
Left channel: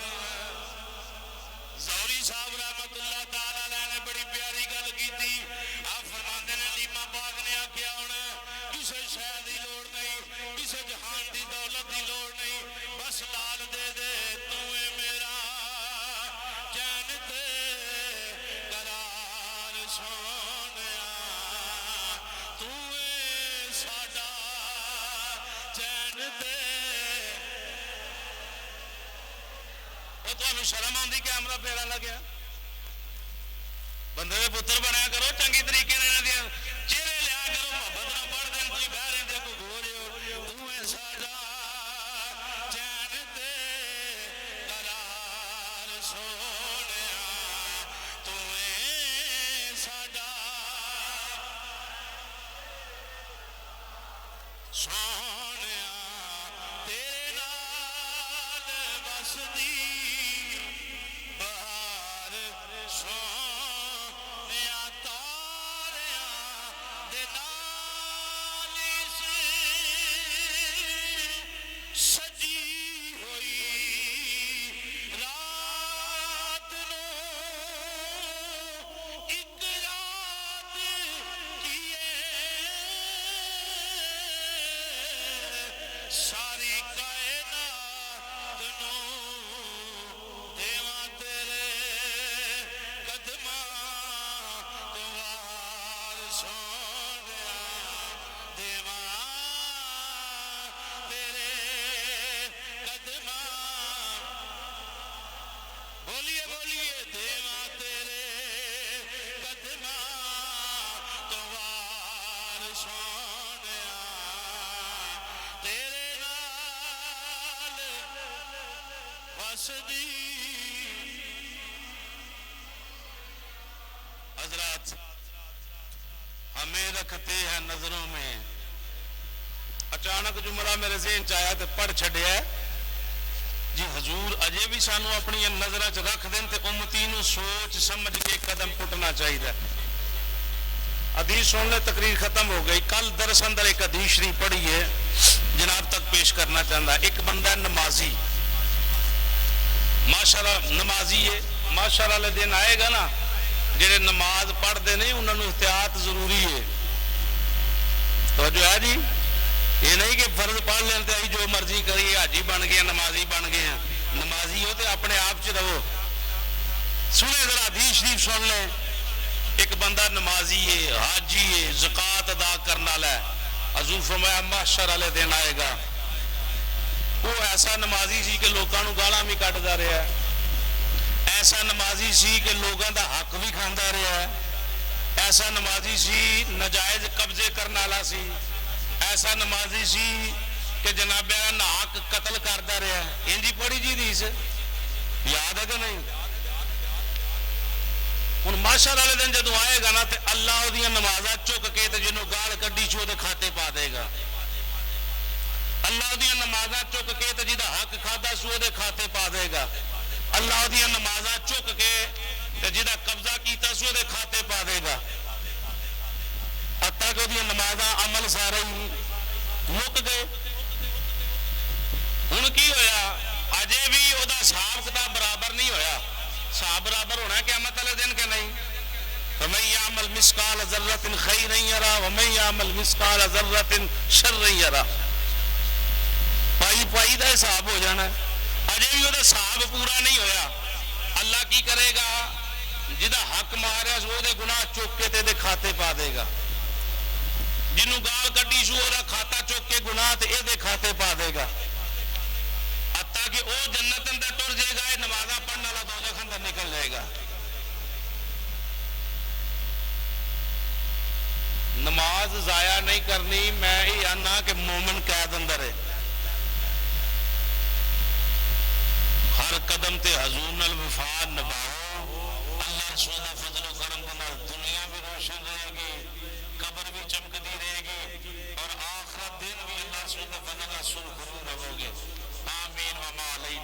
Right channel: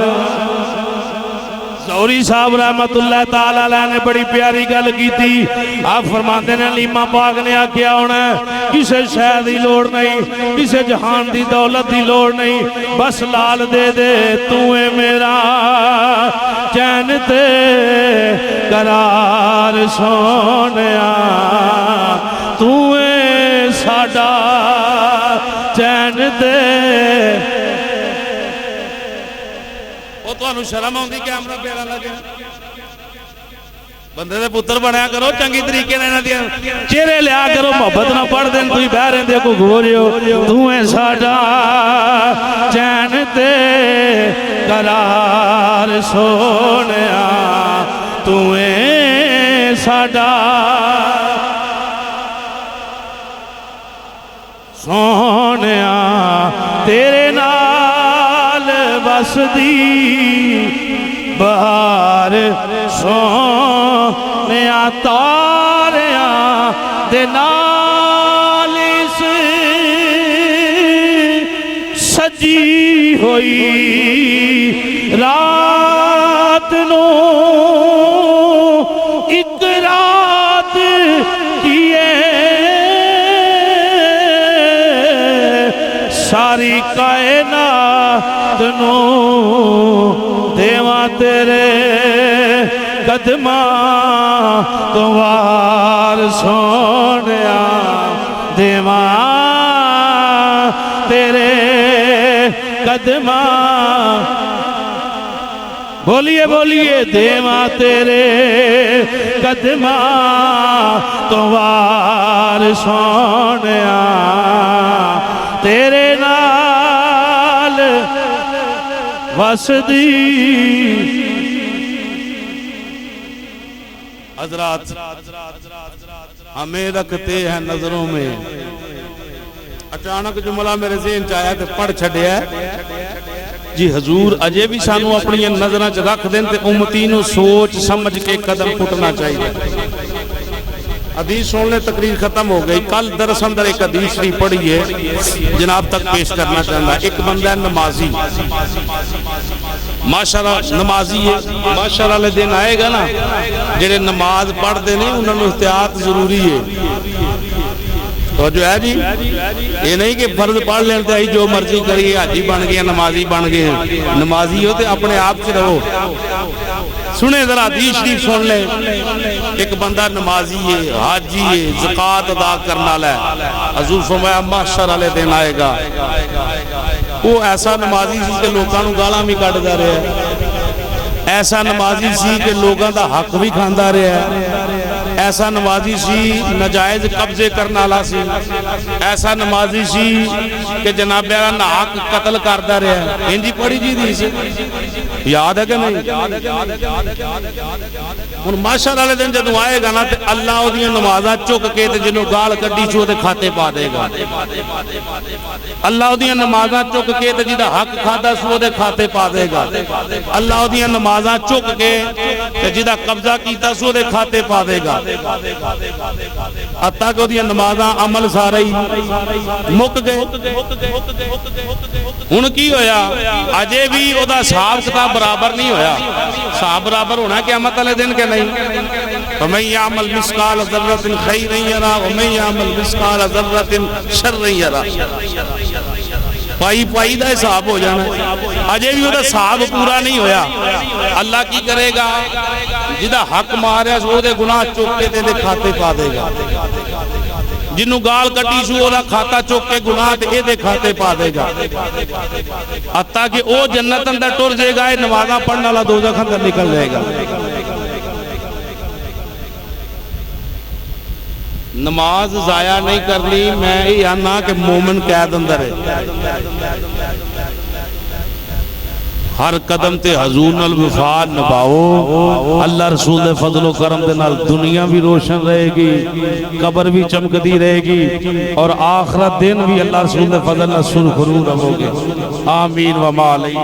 زوری صاحب رحمت اللہ تعالیٰ علیہ نے بڑی پیاری گل کی تھی آپ فرماتے ہیں علیمہ پاک نے آکیا ہونا ہے کسے شے دی لوڑ نہیں کسے جہان دی دولت دی لوڑ نہیں بس لال دے دے تو اے میرا چین تے قرار سونیا تو اے ساڈا چین تے تو شرم ہوندی کیمرہ پیرا لگے بندے دے پتر بنایا کرو چنگی طریقے نہ دیا چہرے لیا کرو محبت نہ پڑھ دیں کوئی بہریں دے کو گھوریو تو اے ساڈا چین تے قرار سونیا تو اے ساڈا سونیا تیرے نال بسدی بہار سونیا تاریاں دے نال سجی ہوئی رات نو ایک رات کیے ساری کائنات نو دیواں تیرے قدماں تو وار سونیا دیواں تیرے قدماں بولیے بولیے دیواں تیرے قدماں تو وار سونیا تیرے نال وسدی حضرات ہمیں رکھتے ہیں نظروں میں اچانک جملہ میرے ذہن چاہیا تو پڑھ چھڑیا ہے جی حضور اجے بھی سانو اپنی نظریں رکھ دیں تے امتینوں سوچ سمجھ کے قدم پھٹنا چاہیے حدیث سن لے تقریر ختم ہو گئی کل درس اندر ایک حدیث شریف پڑھی ہے جناب تک پیش کرنا چاہتا ایک بندہ نمازی ماشاءاللہ نمازی ہے ماشاءاللہ لے دن آئے گا نا جنہیں نماز پڑھ دے نہیں انہوں نے احتیاط ضروری ہے تو جو ہے جی یہ نہیں کہ فرض پڑھ لیتے ہی جو مرضی کری حاجی بن گیا نمازی بن گئے نمازی ہوتے اپنے آپ سے رہو سنے ذرا حدیث شریف سن لے ایک بندہ نمازی ہے حاجی ہے زکوٰۃ ادا کرنا لے حضور فرمایا محشر والے دن آئے گا وہ ایسا نمازی سی کہ لوگوں کو گالاں بھی کٹ جا رہے ہیں ایسا نمازی سی کہ لوگوں دا حق بھی کھاندا رہا، ایسا نمازی سی نجائز قبضے کرنے والا سی، ایسا نمازی سی کہ جناب ناحق قتل کرتا رہا. انجی پڑھی جی دی سی، یاد ہے کہ نہیں؟ ہن معاشر والے دن جدوں آئے گا نا تے اللہ اودیاں نمازاں چک کے تے جنوں گال کڈی سی اودے کھاتے پا دے گا. اللہ اودیاں نمازاں چک کے تے جدا حق کھادا سی اودے کھاتے پا دے گا. اللہ اودیاں نمازاں چک کے تے جدا قبضہ کیتا سی اودے کھاتے پا دے گا. حتیٰ کہ اودیاں نمازاں عمل سارے مک گئے. ہن کی ہویا؟ اجے بھی او دا حساب کتاب برابر نہیں ہویا. حساب برابر ہونا قیامت والے دن کے نہیں. وَمَن يَعْمَلْ مِثْقَالَ ذَرَّةٍ خَيْرًا يَرَهُ وَمَن يَعْمَلْ مِثْقَالَ ذَرَّةٍ شَرًّا يَرَهُ. پائی دا حساب ہو جانا. اجے بھی وہ حساب پورا نہیں ہویا. اللہ کی کرے گا؟ جدا حق ماریا سو دے گناہ چوک کے دے کھاتے پا دے گا. جنوں گال کٹی سو اودا کھاتا چوک کے گناہ تے دے کھاتے پا دے گا. حتیٰ کہ او جنت اندر ٹر جائے گا، نمازاں پڑھنے والا دوزخ اندر نکل جائے گا. نماز ضائع نہیں کرنی. میں یہ آنا کہ مومن قید اندر ہے. ہر قدم تے حضور الوفا نبھاؤ. اللہ رسول دے فضل و کرم دے نال دنیا بھی روشن رہے گی، قبر بھی چمکدی رہے گی، اور آخرت دن بھی اللہ رسول دے فضل نال سرخرو رہو گے. آمین و ما علیہ.